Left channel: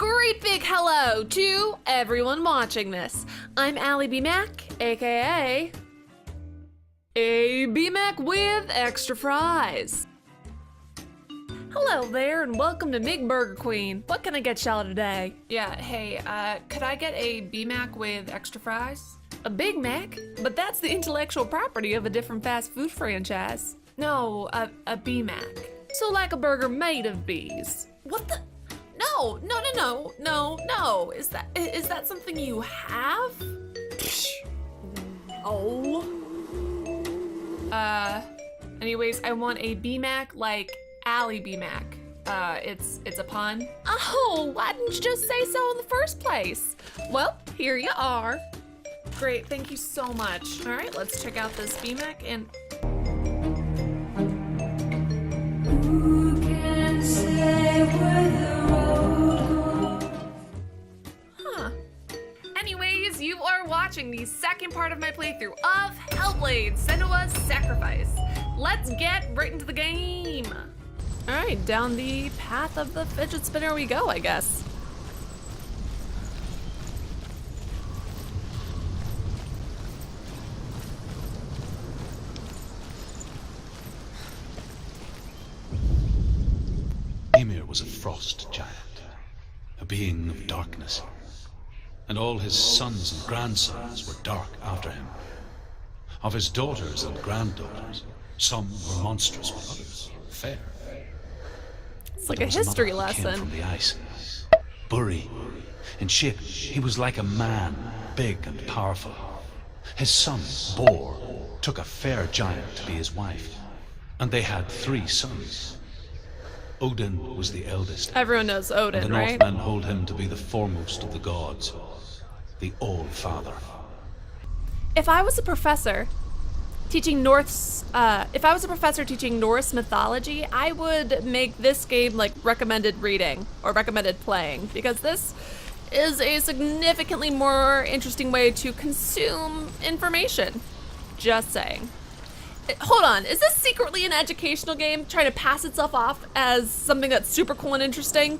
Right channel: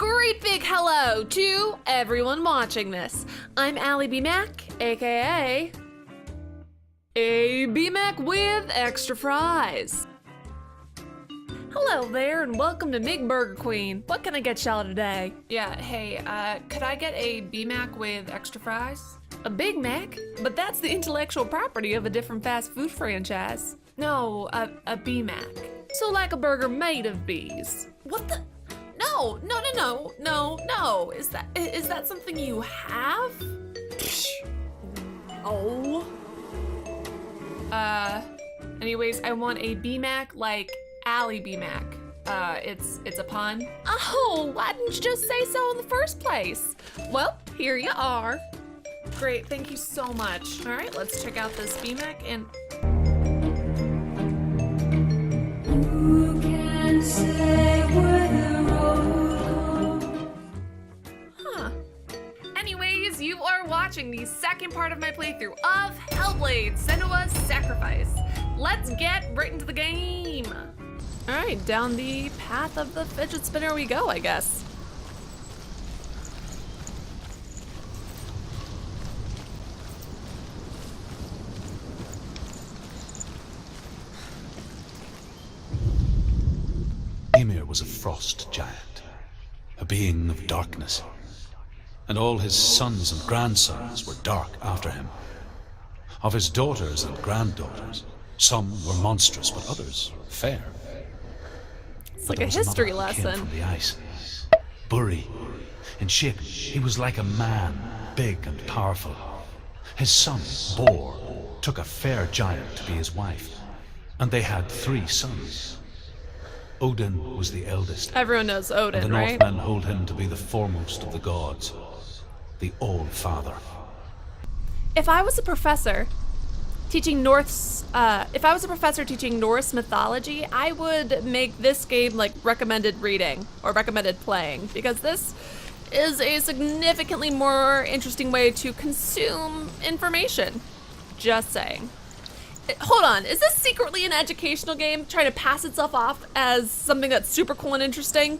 great big hello to everyone watching this. I'm alliebeemac, aka alliebeemac with extra fries. Hello there and welcome to Mig Burger Queen. What can I get y'all today? Yeah, hey, could I get a BMac with extra fries? A Big Mac? But that's the intellectual property of a different fast food franchise. No, a BMac. So like a burger made of bees. What the? No. Is that something you have? Oh. Anyways, I want a BMac like alliebeemac. It's a pun. Oh, why didn't you just say so in the first place? Well, here you are. Great, thank you so much. All right, let's check out this BMac and... Anyways, you are watching the second part of my playthrough of Hellblade Senua's Sacrifice. Let's get right into the game. All right, down the path of the fidget spinner we go, I guess. Mimir was a frost giant, a being of darkness, and all his sons and grandsons were dark after him. Of his daughters and granddaughters, some were monstrous, but others fair. It's like a history lesson. From the ice. Buri. In shape, he was like a man, big and powerful. His son, Bor, took a fair giant to be his wife, and they had 3 sons. Odin was the eldest. Everyone knows Odin, and the right? Northmen hold him to be the foremost of the gods, the All-Father. If I was a professor teaching Norse mythology, I would make this game like recommended reading or recommended playing, because this is a significantly more interesting way to consume information. Just saying. Hold on, is this secretly an educational game trying to pass itself off as something that's super cool and interesting?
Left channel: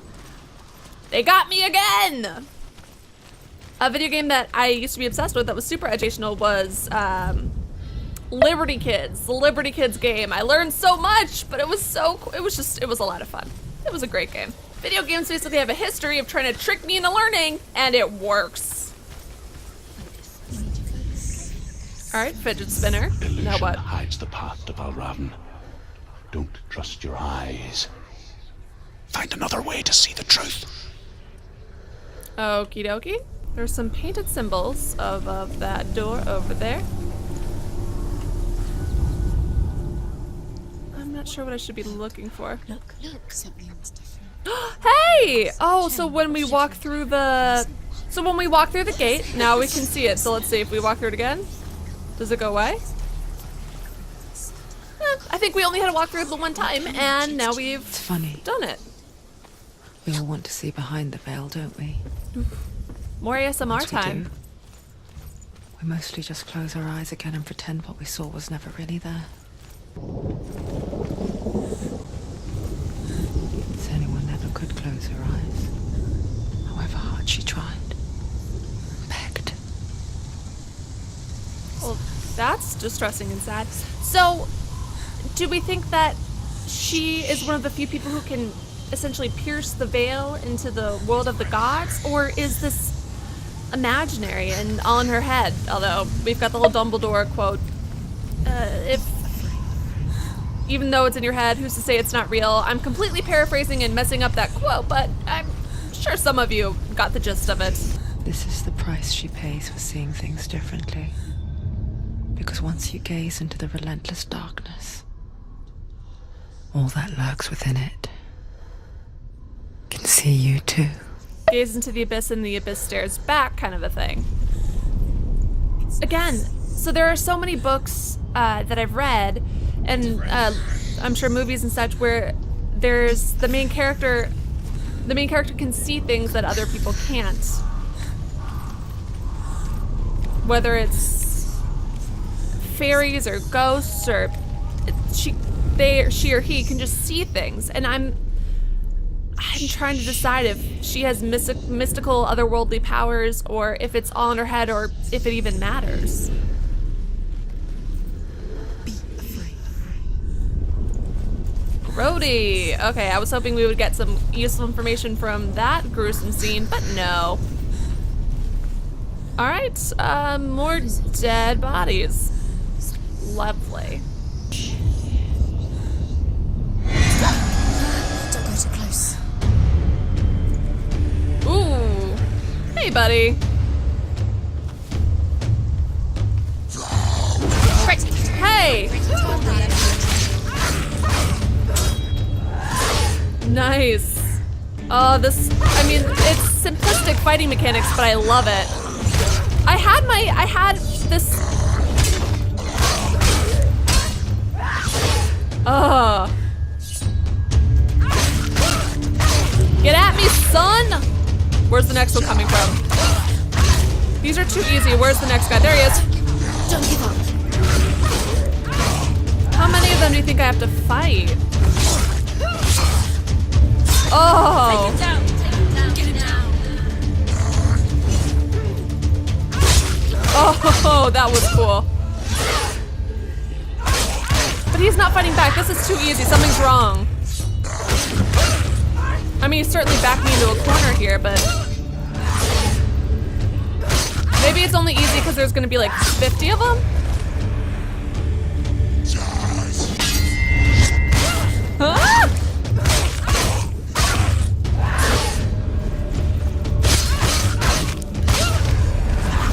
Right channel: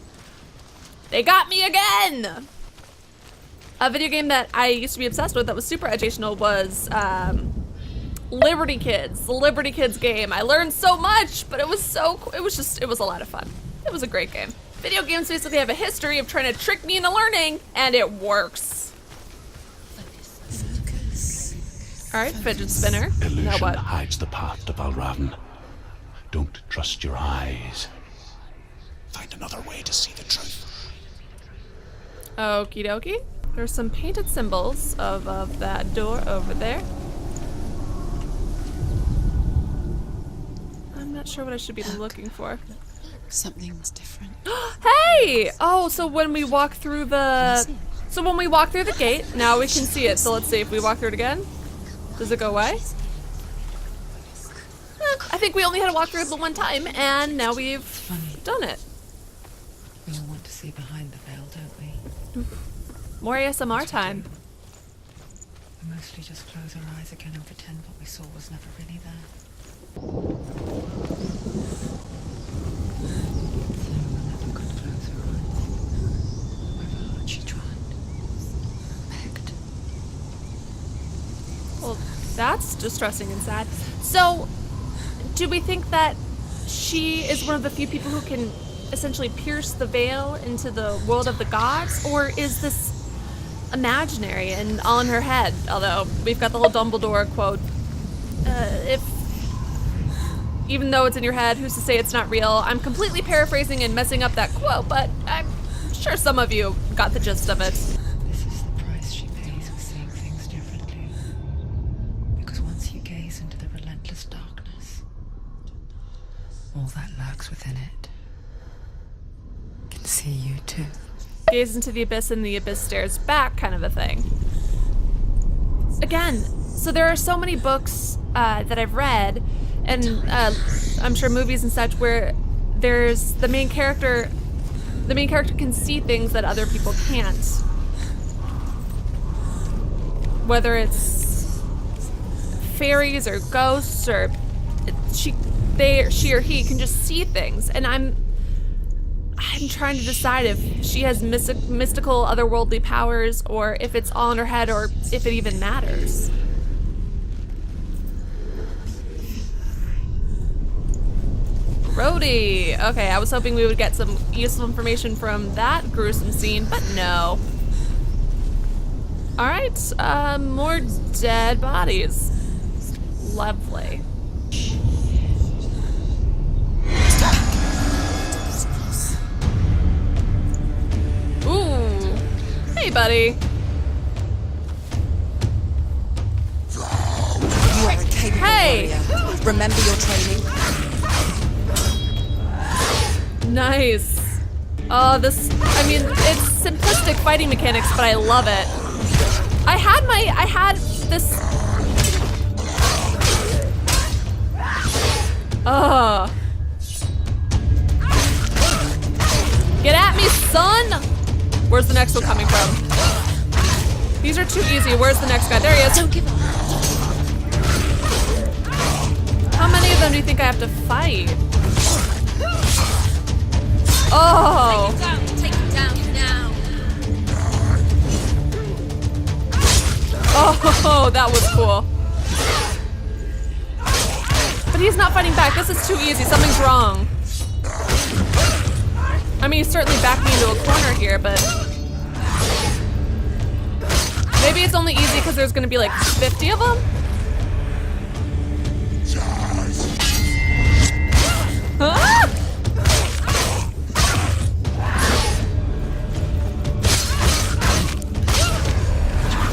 They got me again! A video game that I used to be obsessed with that was super educational was Liberty Kids, the Liberty Kids game. I learned so much, but it was a lot of fun. It was a great game. Video games basically have a history of trying to trick me into learning, and it works. All right, fidget spinner. Illusion Now what? hides the path to Valravn. Don't trust your eyes. Find another way to see the truth. Okie dokie. There's some painted symbols of that door over there. I'm not sure what I should be looking for. Look, something's different. Hey! Oh, so when we walk through the gate, now we can see it. So let's see if we walk through it again. Does it go away? I think we only had to walk through it the one time, and now we've done it. We all want to see behind the veil, don't we? More ASMR time. We mostly just close our eyes again and pretend what we saw was never really there. Senua never could close her eyes, however hard she tried. Begged. Well, that's distressing and sad. So, do we think that she is one of the few people who can essentially pierce the veil into the world of the gods, or is this imaginary and all in her head? Although we've got the whole Dumbledore quote. Even though it's in your head, who's to say it's not real? I'm completely paraphrasing and messing up that quote, but I'm sure some of you got the gist of it. This is the price she pays for seeing things differently. Because once you gaze into the relentless darkness, all that lurks within it can see you too. Gaze into the abyss and the abyss stares back, kind of a thing. Again, so there are so many books that I've read, and I'm sure movies and such, where there's the main character can see things that other people can't. Whether it's fairies or ghosts, or she or he can just see things, and I'm trying to decide if she has mystical, otherworldly powers, or if it's all in her head, or if it even matters. Brody! Okay, I was hoping we would get some useful information from that gruesome scene, but no. Alright, more dead bodies. Lovely. Ooh. Hey, buddy. Hey! Remember your training. Nice. Oh, this, I mean, it's simplistic fighting mechanics, but I love it. I had this. Oh. Get at me, son! Where's the next one coming from? These are too easy. Where's the next guy? There he is. How many of them do you think I have to fight? Oh. Take him down now. Oh, that was cool. But he's not fighting back. This is too easy. Something's wrong. I mean, he's certainly backed me into a corner here, but maybe it's only easy because there's going to be like 50 of them? Huh?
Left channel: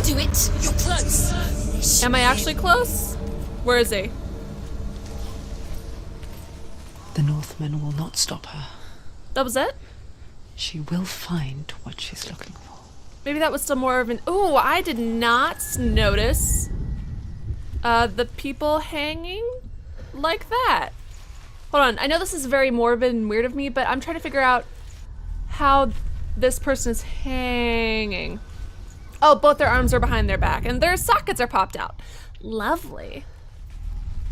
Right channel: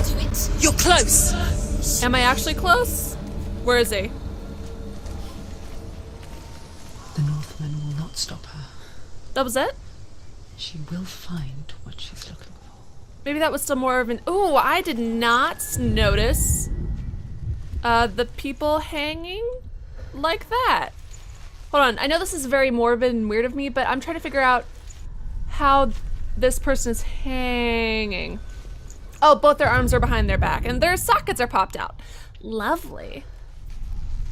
Do it. You're close. Am I actually close? Where is he? The Northmen will not stop her. That was it? She will find what she's looking for. Maybe that was still more of an... Ooh, I did not notice the people hanging like that. Hold on, I know this is very morbid and weird of me, but I'm trying to figure out how this person is hanging. Oh, both their arms are behind their back, and their sockets are popped out. Lovely.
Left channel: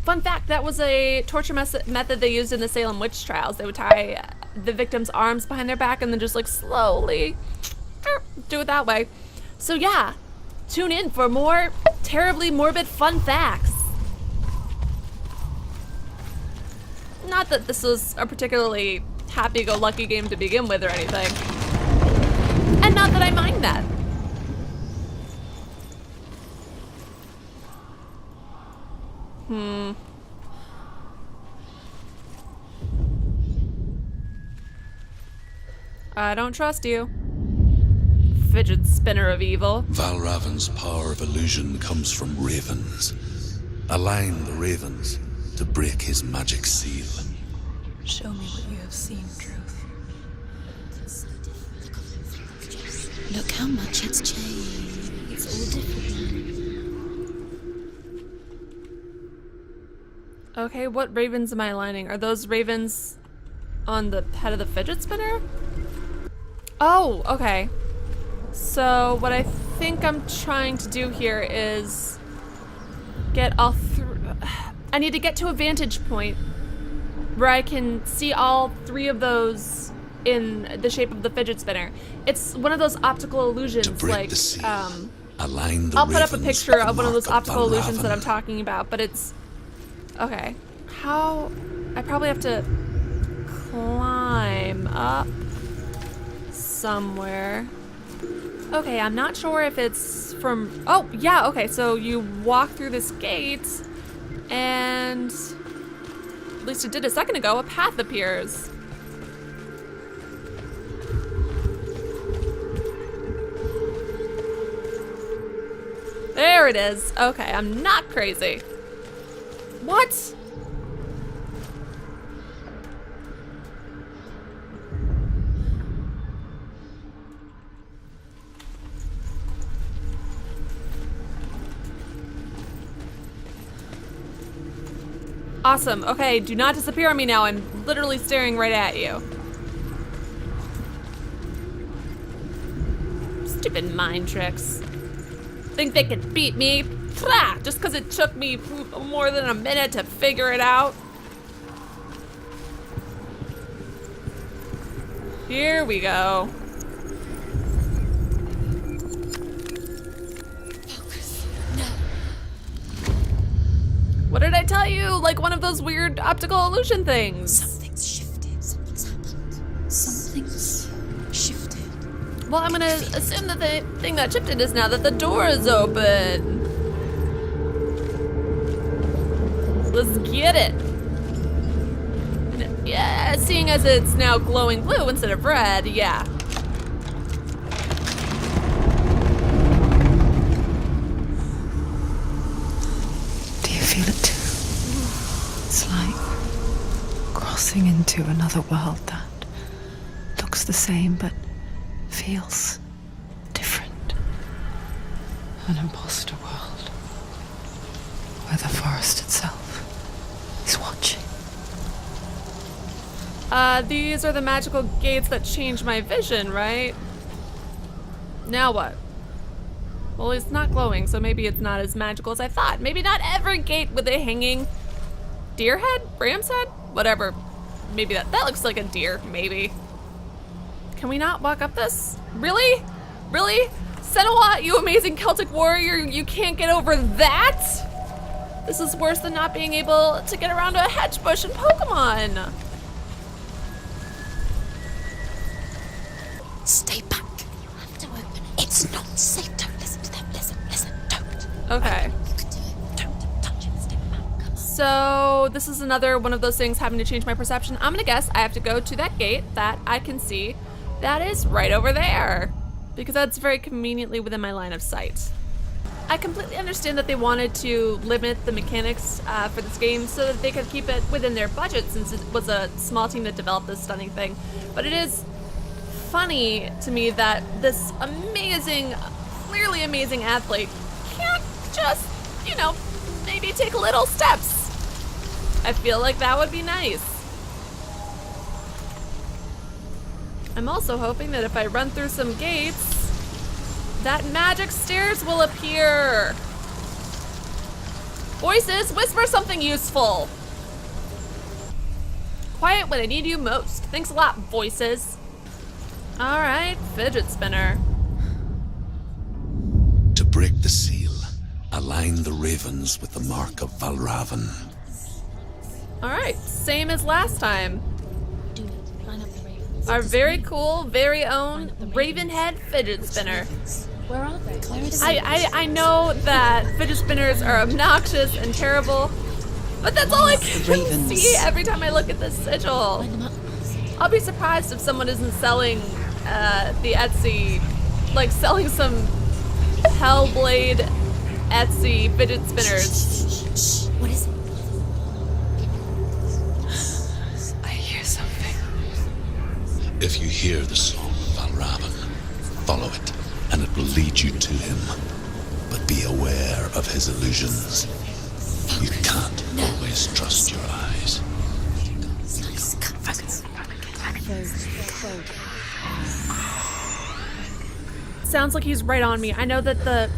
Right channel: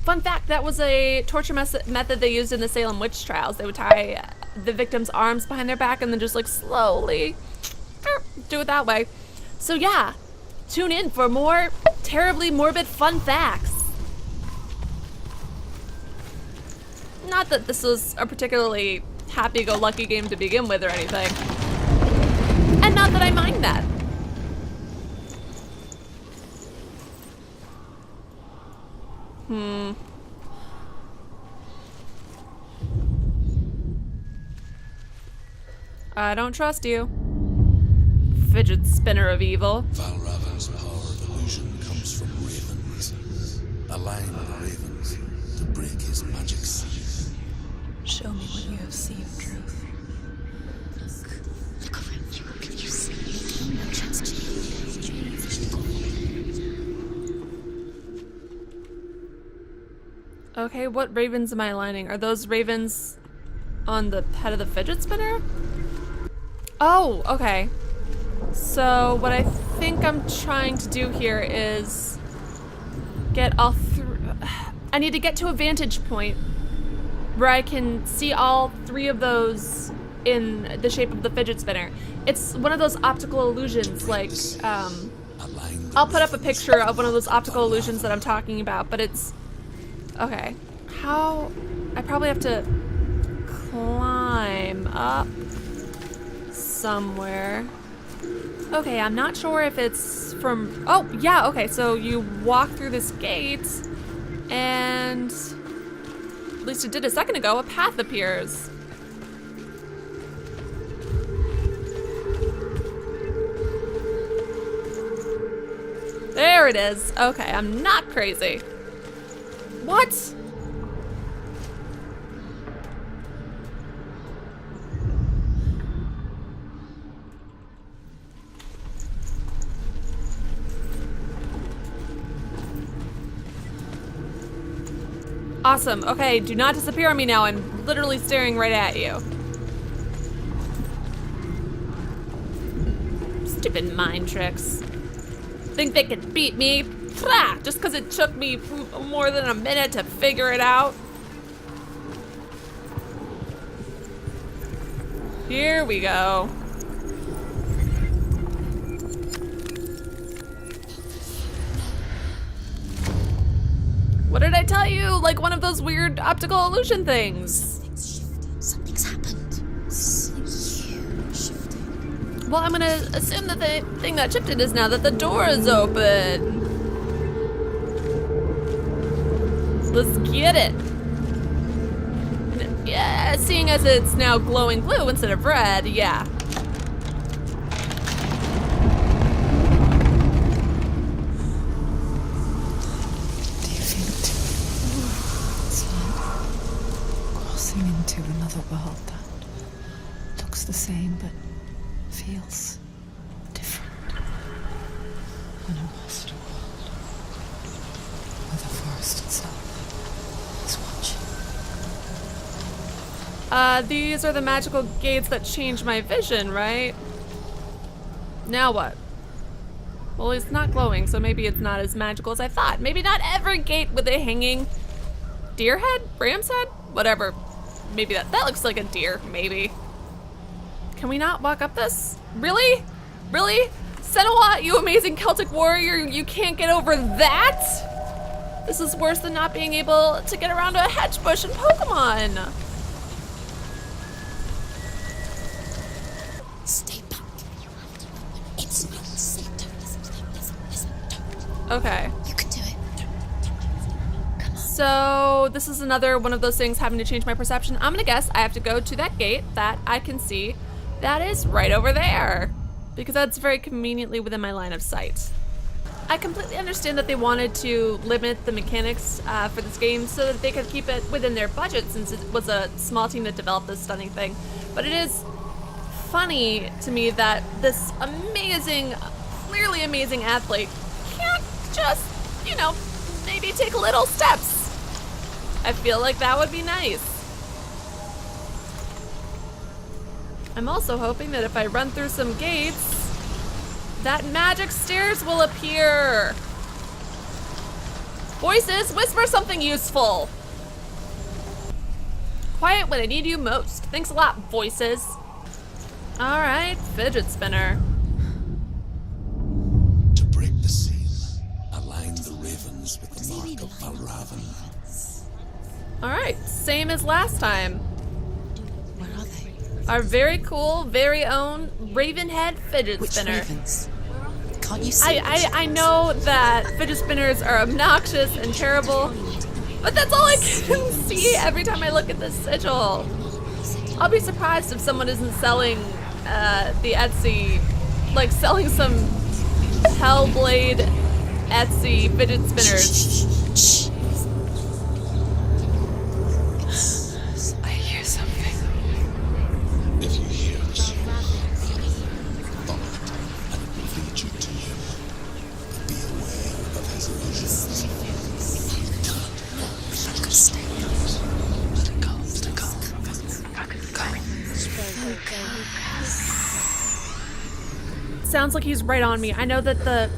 Fun fact, that was a torture method they used in the Salem witch trials. They would tie the victim's arms behind their back and then just like slowly do it that way. So yeah, tune in for more terribly morbid fun facts. Not that this was a particularly happy-go-lucky game to begin with or anything. And not that I mind that. I don't trust you. Fidget spinner of evil. Valravn's power of illusion comes from ravens. Align the ravens to break his magic seal. Show me what you have seen, Truth. Look how much has changed. Okay, what ravens am I aligning? Are those ravens on the head of the fidget spinner? Oh, okay. So what I think I'm trying to do here is get all three. I need to get to a vantage point where I can see all three of those in the shape of the fidget spinner. It's one of those optical illusions, like, I'll put up a picture of one of those optical illusions that I'm talking about, but it's, okay. How, I probably have to climb up somewhere. Okay, I'm not sure if it's from, oh, yeah, okay, so you walk through this gate, and at least it did a second ago, a path appears. There it is. Okay, I'm not crazy. What? Awesome. Okay, do not disappear on me now. I'm literally staring right at you. Stupid mind tricks. Think they could beat me? Plah! Just because it took me more than a minute to figure it out. Here we go. What did I tell you? Like one of those weird optical illusion things. Something's shifted. Something's happened. Something's shifted. Well, I'm gonna assume that the thing that shifted is now that the door is open. So let's get it. Yeah, seeing as it's now glowing blue instead of red, yeah. Do you feel it too? It's like crossing into another world that looks the same but feels different. An imposter world where the forest itself is watching. These are the magical gates that change my vision, right? Now what? Well, it's not glowing, so maybe it's not as magical as I thought. Maybe not every gate with a hanging deer head? Ram's head? Whatever. Maybe that looks like a deer, maybe. Can we not walk up this? Really? Really? Senua, you amazing Celtic warrior, you can't get over that? This is worse than not being able to get around a hedge bush in Pokemon. Stay back. You have to open it. It's not safe. Don't listen to them. Listen, don't. Okay. You can do it. Don't touch it. Stay back. So this is another one of those things having to change my perception. I'm gonna guess I have to go to that gate that I can see that is right over there, because that's very conveniently within my line of sight. I completely understand that they wanted to limit the mechanics for this game so that they could keep it within their budget, since it was a small team that developed this stunning thing. But it is funny to me that this amazing, clearly amazing athlete can't just, you know, maybe take little steps. I feel like that would be nice. I'm also hoping that if I run through some gates, that magic stairs will appear. Voices, whisper something useful. Quiet when I need you most. Thanks a lot, voices. All right, fidget spinner. To break the seal, align the ravens with the mark of Valravn. All right, same as last time. Our very cool, very own Ravenhead fidget spinner. Where are they? Can't you see? I know that fidget spinners are obnoxious and terrible, but that's all I can see every time I look at this sigil. I'll be surprised if someone isn't selling the Etsy, like selling some Hellblade Etsy fidget spinners. I hear something. If you hear the soul of Valravn, follow it, and it will lead you to him. But be aware of his illusions. You can't always trust your eyes. Sounds like he's right on me. I know that the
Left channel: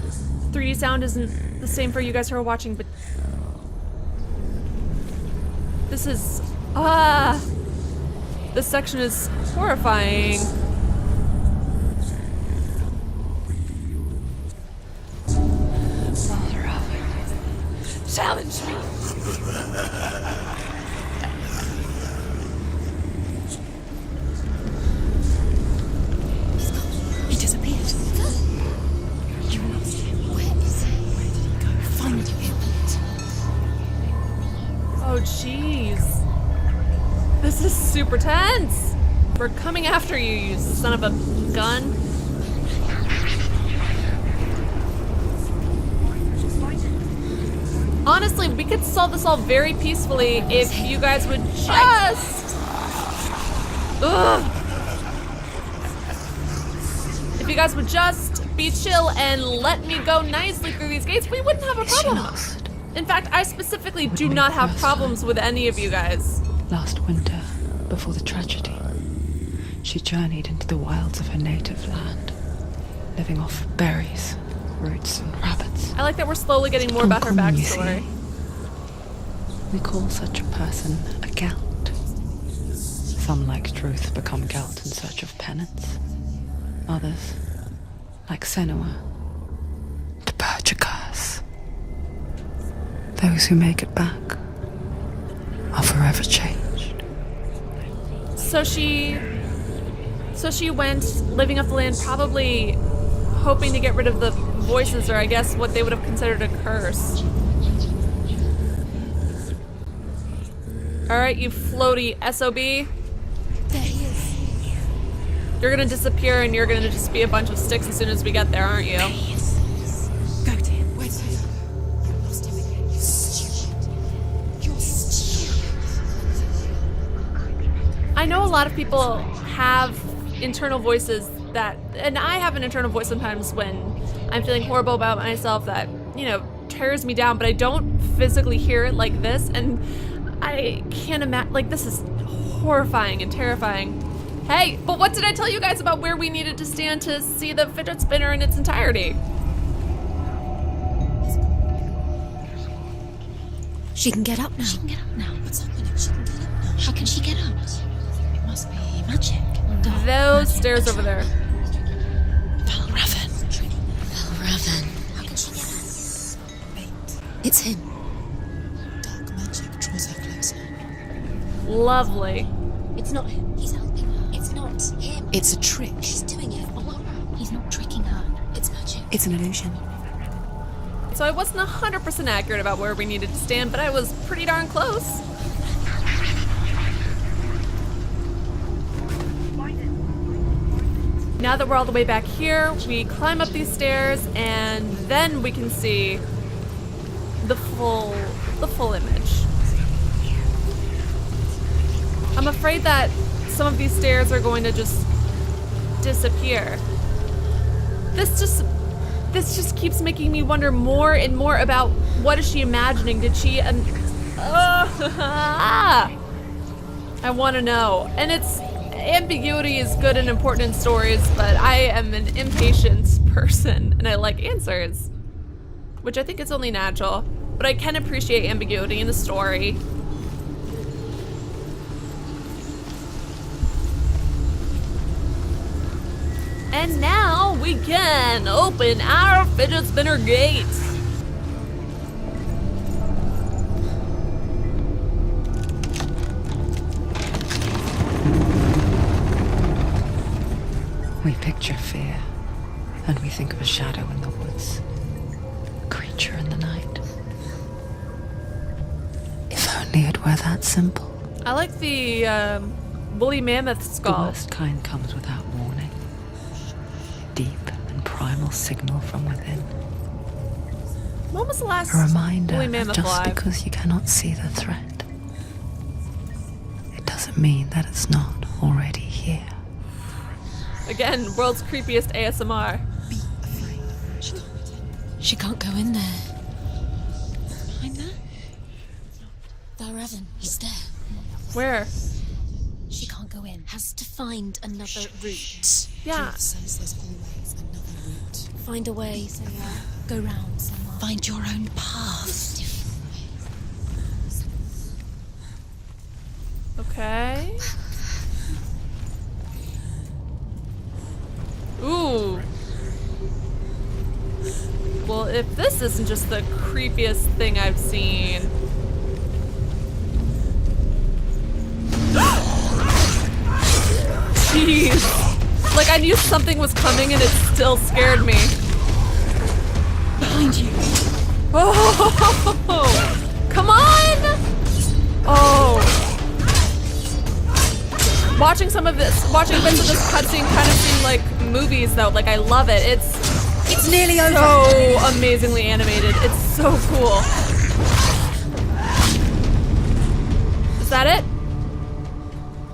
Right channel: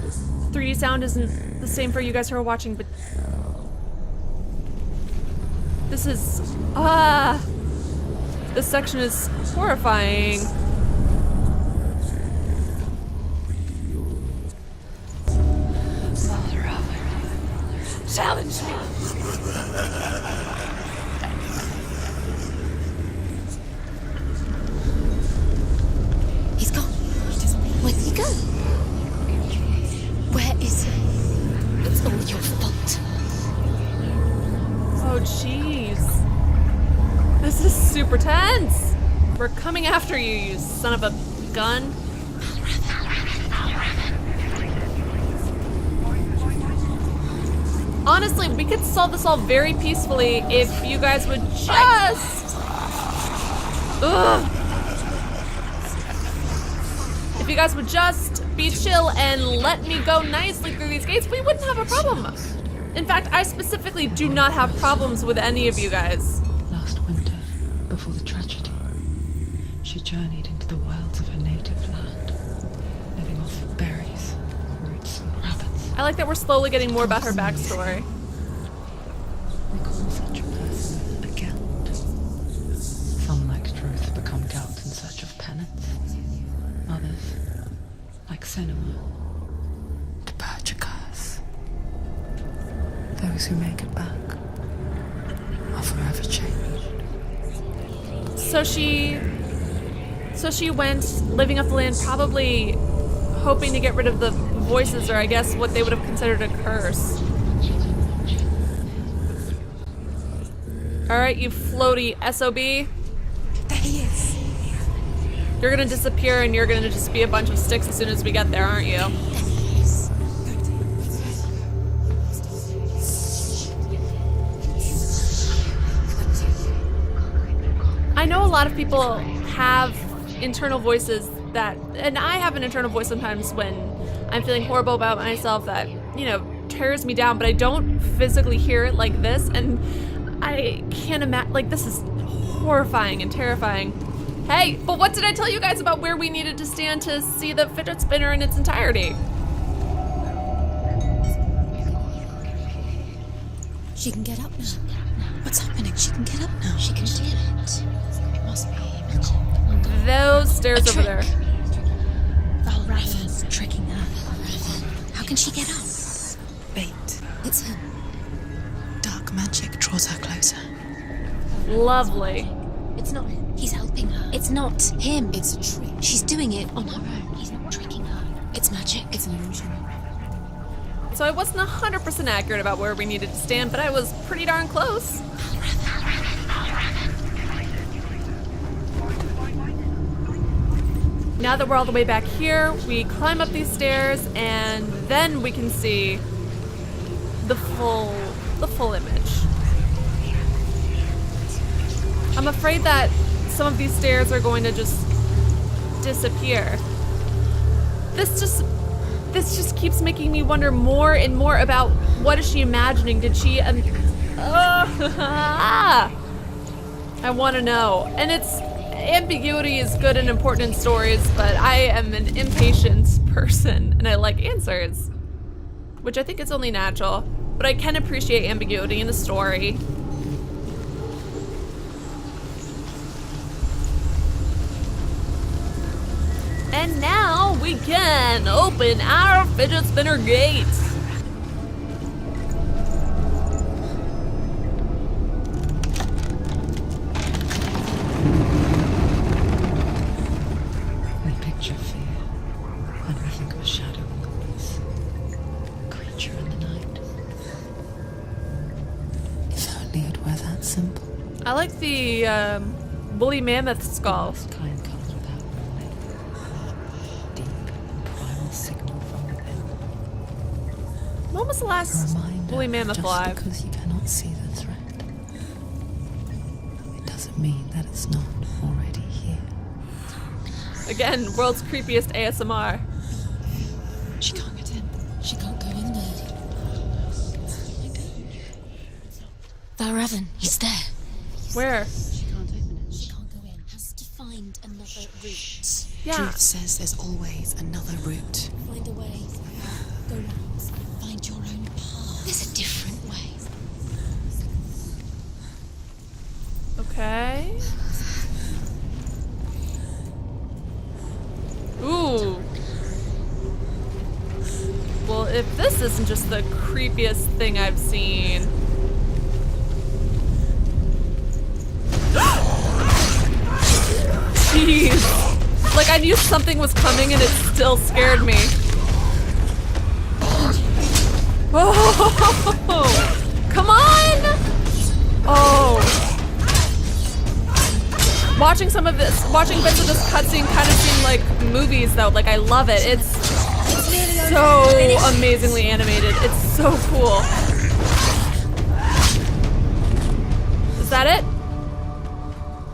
3D sound isn't the same for you guys who are watching, but this is this section is horrifying. Valravn, Challenge me. He's gone. He disappeared. Where did he go? Where is he? It's all your fault. Oh, jeez. This is super tense. We're coming after you, you son of a gun. Honestly, we could solve this all very peacefully if you guys would just... Ugh. If you guys would just be chill and let me go nicely through these gates, we wouldn't have a problem. In fact, I specifically do not have problems with any of you guys. last winter, before the tragedy, she journeyed into the wilds of her native land, living off berries, roots, and rabbits. I like that we're slowly getting more about her backstory. We call such a person a Gelt. Some, like Truth, become Gelt in search message of penance. Others, like Senua, to purge a curse. Those who make it back are forever changed. So she went living off the land, probably hoping to get rid of the voices, or I guess what they would have considered a curse. Alright, you floaty SOB. You're gonna disappear and you're gonna just be a bunch of sticks as soon as we get there, aren't you? I know a lot of people have internal voices that, and I have an internal voice sometimes when I'm feeling horrible about myself that, you know, tears me down, but I don't physically hear it like this, and I can't imagine, like, this is horrifying and terrifying. Hey, but what did I tell you guys about where we needed to stand to see the fidget spinner in its entirety? She can get up now. She can get up now. What's happening? She can get up now. How can she get out? Must be magic. Those stairs over there. Valravn. Tricking her. Valravn. How can she get out? Bait. It's him. Dark magic draws her closer. Lovely. It's not him. He's helping her. It's not him. It's a trick. She's doing it on her own. He's not tricking her. It's magic. It's an illusion. So I wasn't 100% accurate about where we needed to stand, but I was pretty darn close. Now that we're all the way back here, we climb up these stairs and then we can see the full image. I'm afraid that some of these stairs are going to just disappear. This just keeps making me wonder more and more about what is she imagining? Did she I want to know. And ambiguity is good and important in stories, but I am an impatient person and I like answers, which I think is only natural, but I can appreciate ambiguity in a story. And now we can open our fidget spinner gate. We picture fear, and we think of a shadow in the woods, a creature in the night. If only it were that simple. I like the woolly mammoth skull. The worst kind comes without warning. Deep and primal signal from within. When was the A last reminder woolly mammoth just alive? because you cannot see the threat, it doesn't mean that it's not already here. Again, world's creepiest ASMR. She can't get in. She can't go in there. Behind her. Valravn, he's there. Where? She can't go in. Has to find another route. Yeah. Truth says there's always another route. Find a way. Go round. Find your own path. There's a different way. Okay. Ooh. Well, if this isn't just the creepiest thing I've seen. Jeez. Like, I knew something was coming and it still scared me. Oh, come on! Oh. Watching bits of this cutscene kind of seem like movies, though. Like, I love it. It's so amazingly animated. It's so cool. Is that it?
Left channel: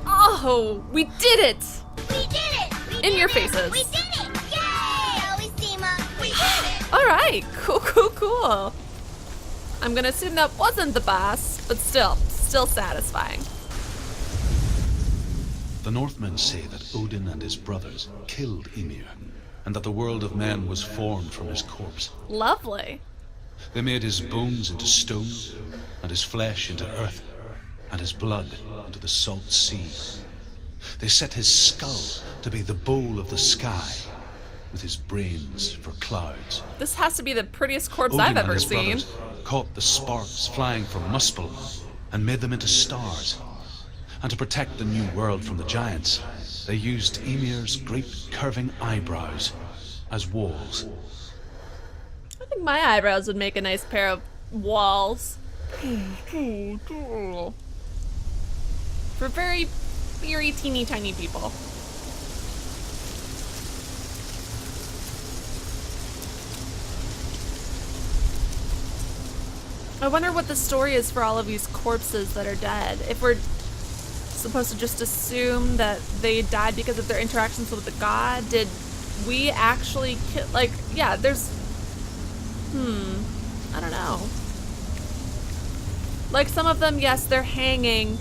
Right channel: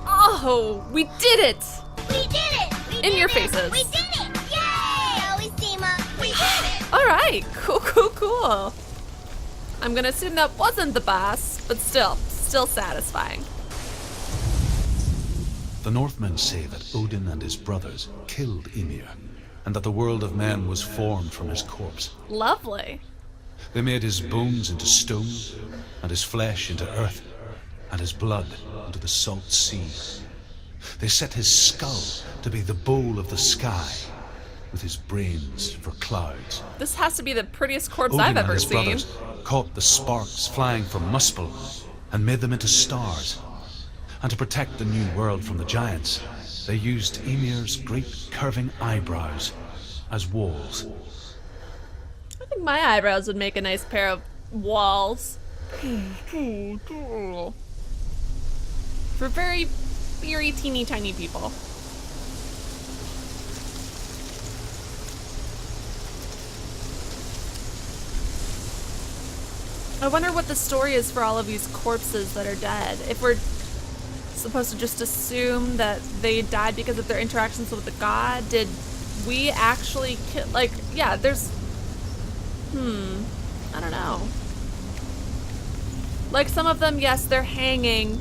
Oh, we did it! We did it! We In did your it. faces. We did it! Yay! Alliebeemac, we did it! Alright, cool. I'm gonna assume that wasn't the boss, but still satisfying. The Northmen say that Odin and his brothers killed Mimir, and that the world of men was formed from his corpse. Lovely. They made his bones into stone, and his flesh into earth, and his blood into the salt sea. They set his skull to be the bowl of the sky, with his brains for clouds. This has to be the prettiest corpse Odin I've and ever his seen. brothers caught the sparks flying from Muspel and made them into stars. And to protect the new world from the giants, they used Ymir's great curving eyebrows as walls. I think my eyebrows would make a nice pair of walls. For very, very teeny tiny people. I wonder what the story is for all of these corpses that are dead. If we're supposed to just assume that they died because of their interactions with the god, did we actually kill, like, yeah, there's, I don't know. Like, some of them, yes, they're hanging,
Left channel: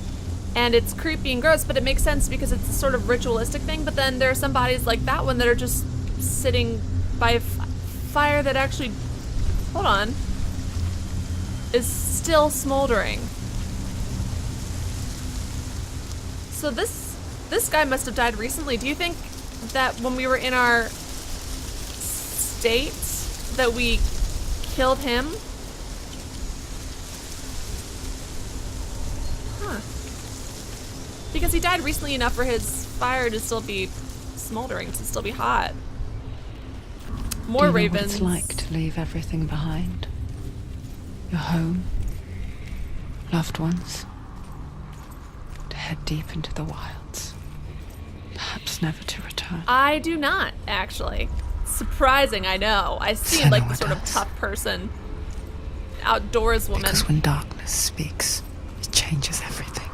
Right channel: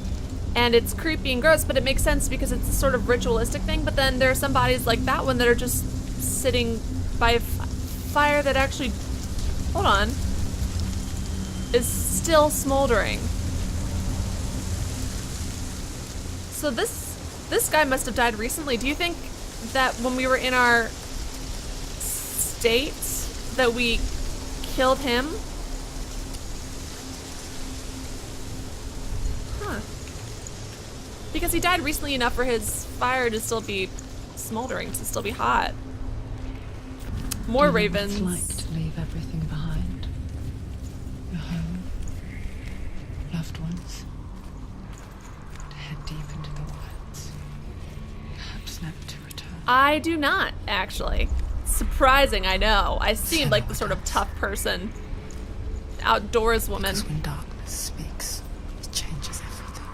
and it's creepy and gross, but it makes sense because it's a sort of ritualistic thing, but then there are some bodies like that one that are just sitting by a fire that actually, hold on, is still smoldering. So this guy must have died recently. Do you think that when we were in our state that we killed him? Huh. Because he died recently enough for his fire to still be smoldering, to still be hot. More Do you know what ravens. it's like to leave everything behind? Your home, loved ones, to head deep into the wilds, perhaps never to return. I do not, actually. Surprising, I know. I seem like the Senua sort of does. tough person, outdoors woman. Because when darkness speaks, it changes everything,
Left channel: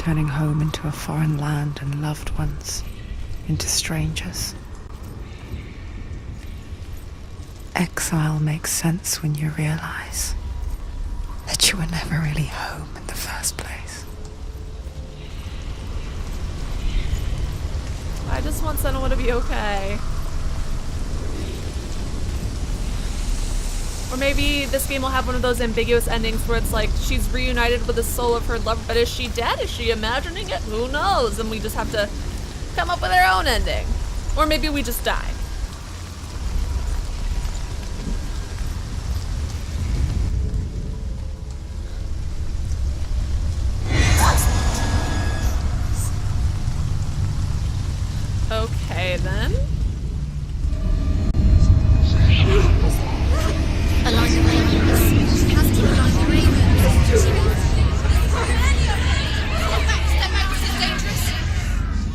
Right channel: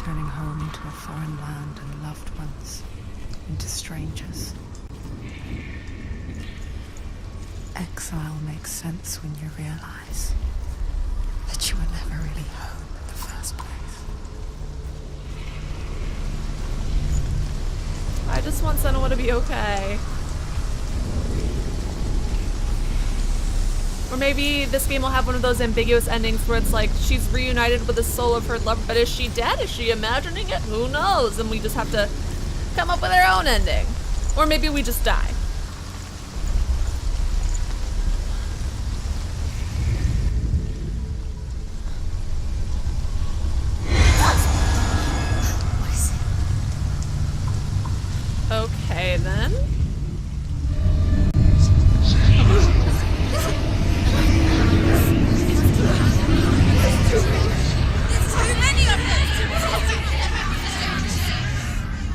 turning home into a foreign land and loved ones into strangers. Exile makes sense when you realize that you were never really home in the first place. I just want Senua to be okay. Or maybe this game will have one of those ambiguous endings where it's like she's reunited with the soul of her lover, but is she dead? Is she imagining it? Who knows? And we just have to come up with our own ending. Or maybe we just die. Okay, then.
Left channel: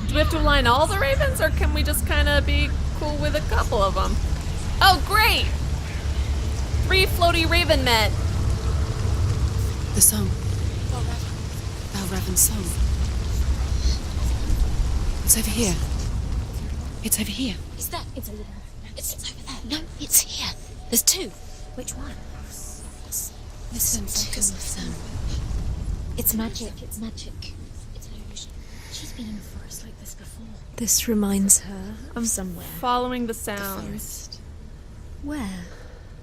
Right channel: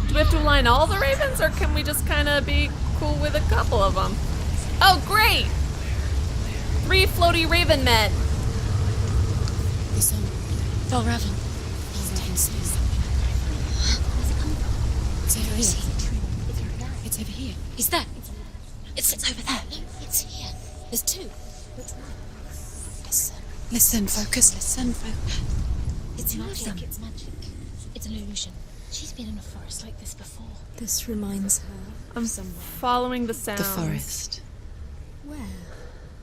Do we have to align all the ravens, or can we just kind of be cool with a couple of them? Oh, great! 3 floaty raven men. The song. Valravn. Valravn's song. It's over here. It's over here. Is that? It's over there. It's over there. No, it's here. There's 2. Which one? Listen, focus, listen. It's magic, it's magic. It's an illusion. She's been in the forest like this before. This reminds her I'm of somewhere. following the The sound. forest. Where?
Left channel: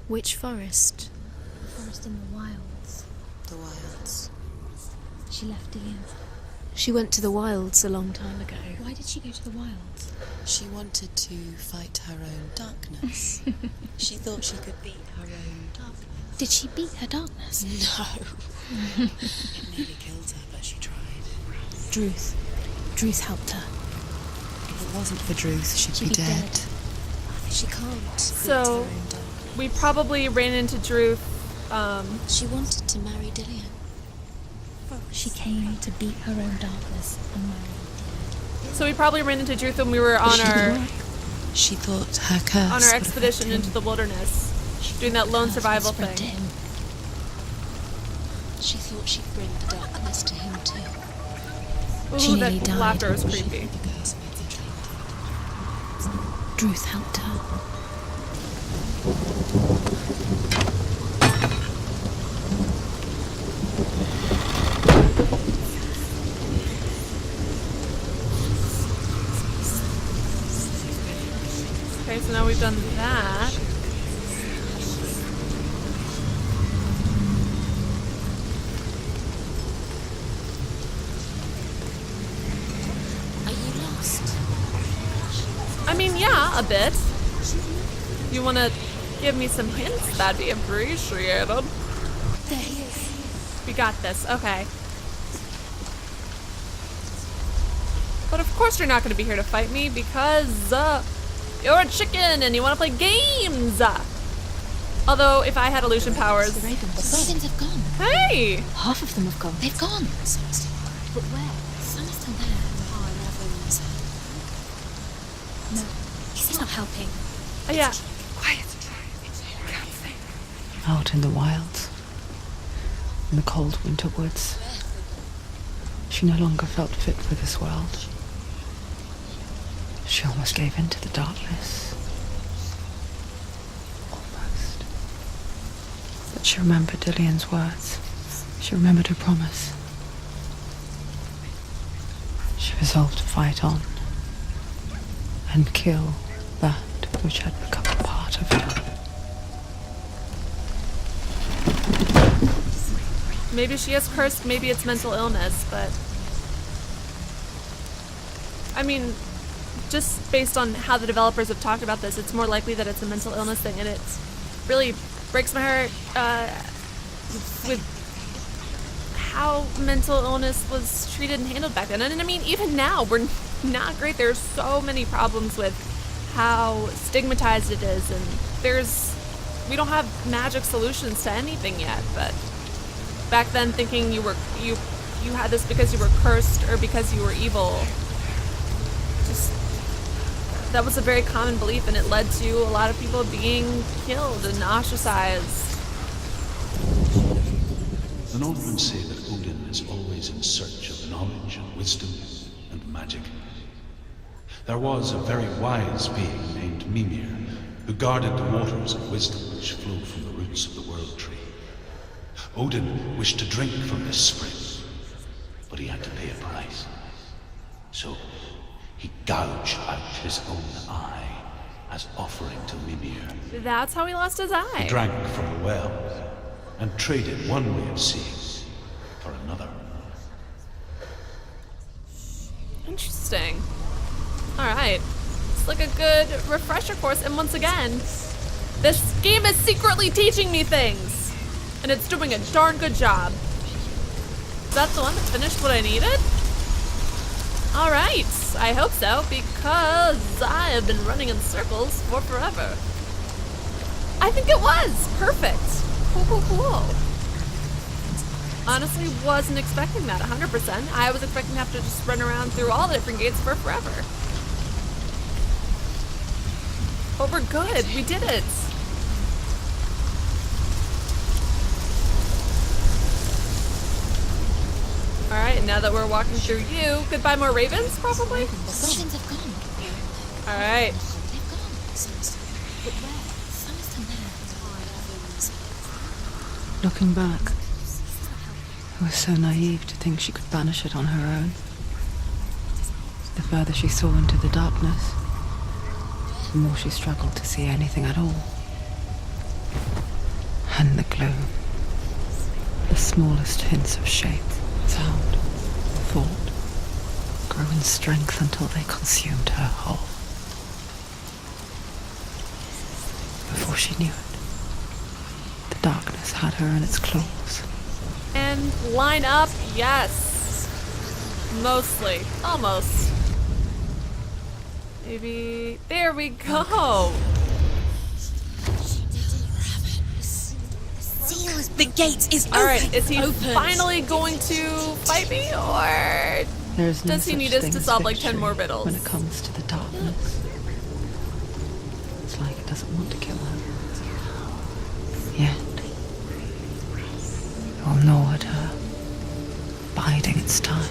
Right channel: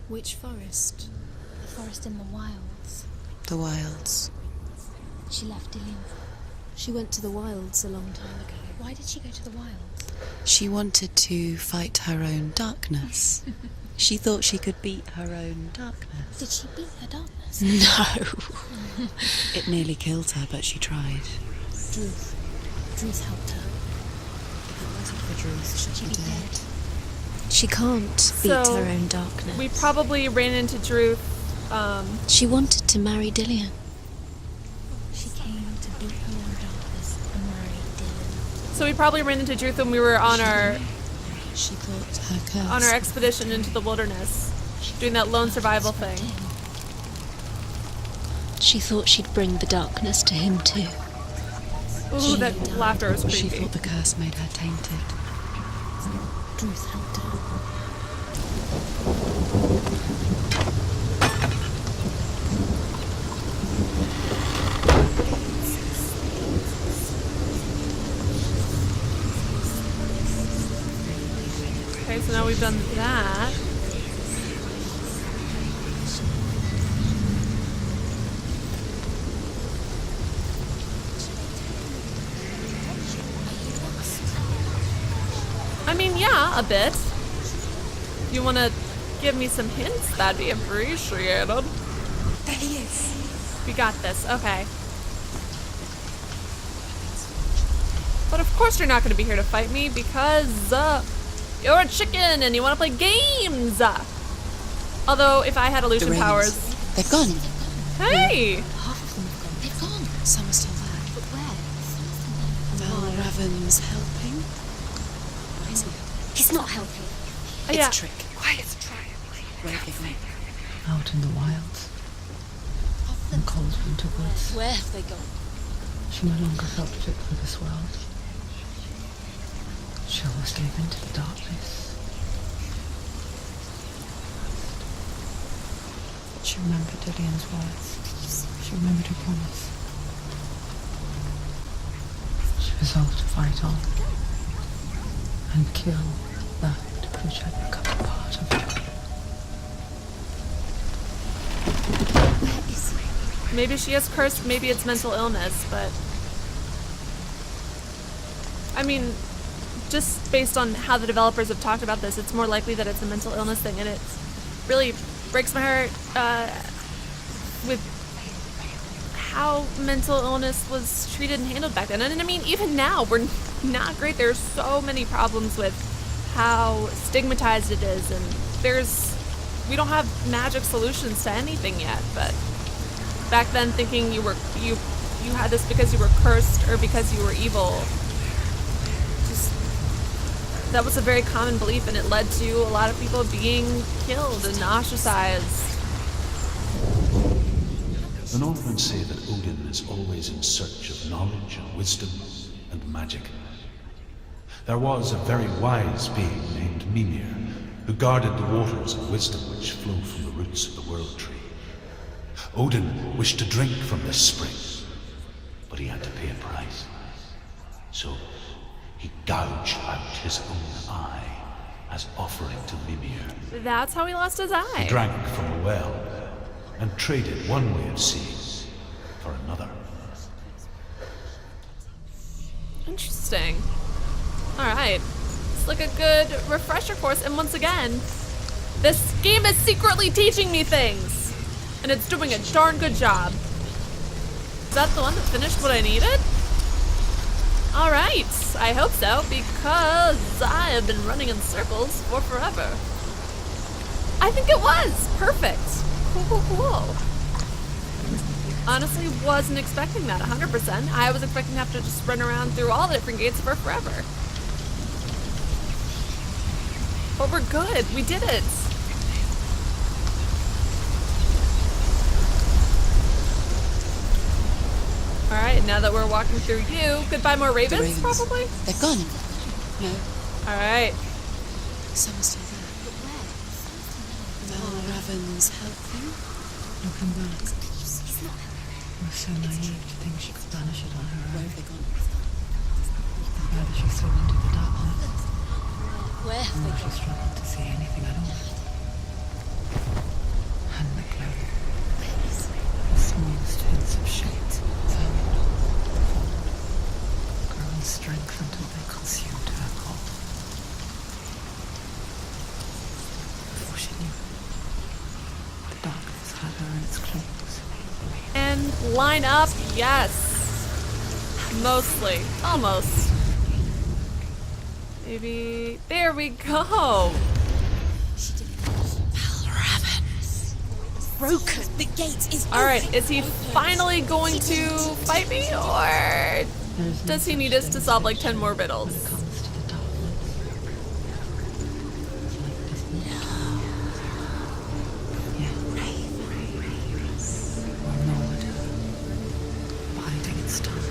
Which forest? The forest in the wilds. The wilds. She left Dillian. She went to the wilds a long time ago. Why did she go to the wilds? She wanted to fight her own darkness. She thought she could beat her own darkness. Did she beat her darkness? No. It nearly killed her, but she tried. Druth. Druth helped her. If it wasn't for Druth, she'd She'd be be dead. dead. She can't beat So, her own darkness. We probably ran into Druth. She wanted to marry Dillian. She came to beat her own darkness and marry Dillian. So we probably ran into Druth when we were on our She thought her curse. on our expedition into the wilderness, doing that lone survival Spread to thing. him. She thought she'd bring the darkness to him too. Ooh, She that died. laughter was She creepy. thought the curse made her tainted. Druth helped her. Okay, so now we've done that. I mean, yeah, a bit. You want to give me some hints? That'd be appreciated. There he is. We got this. Okay. But of course you're not going to be here to fight me because you're a chicken and you want to play games. Although if I had illusion powers... They've gone. Hey! Half of them have gone. They've gone. Some are still alive. But where? Valravn's helping. He's not helping. Yeah. Quiet. Out in the wilds, in the cold winter woods, Where have they gone? she no longer felt fit for this world. She almost gave in to the darkness. But she remembered Dillian's words. She remembered her promise. She resolved to fight on and kill that which had become a part of her. Maybe she is cursed, maybe it's mental illness, but... I mean, just based on how the developers have talked about this, it's more likely that it's a mental illness thing, and it really breaks my heart with how mental illness was treated and handled back then. And I mean, even now, we're not great. There's so many problems with how stigmatized it is, and we don't have magic solutions to anything yet, but back then thinking you had this because you were cursed or because you were evil, just that was a very common belief, and it led to a lot of people being killed and ostracized. The Northmen say that Odin is always in search of knowledge and wisdom and magic. There was a very wise being named Mimir who guarded the waters of wisdom which flowed from the roots of the world tree. Odin wished to drink from this spring, but he had to pay a price. So he gouged out his own eye as offering to Mimir. That's how he lost his He eye. drank from the well and traded one way of seeing for another. Interesting. Alright. It's like a good refresher course, and once again, this game is secretly teaching me things. And it's doing a darn good job. Is that the one that finished what I needed? Alright, I hope so, because I have been running in circles for forever. I think it was! Perfect! Cool. Honestly, wasn't expecting that 100%. I was expecting to have to just run around through all the different gates for forever. But we're good, we did it! Alright, now that we're walking through you, goodbye more ravens, probably? They've gone. Alright. But where? Valravn's helping. Looking back, I was so naive to think she could banish it on her own. The further she saw into the darkness, Where? the more she struggled to see anything at all. And the gloom, the smallest hints of shape, sound, thought, grew in strength until they consumed her whole. Before she knew it, the darkness had her in its claws. And line up, yes. Mostly. Almost. Maybe. There we go. Broken. The gate is Alright, open. is he finally going to fight me, or There is no does he such need us thing to as solve like 10 victory more when riddles? it comes to the darkness. It's like it doesn't want to kill her. Yet, it will gnaw at her, biding its time.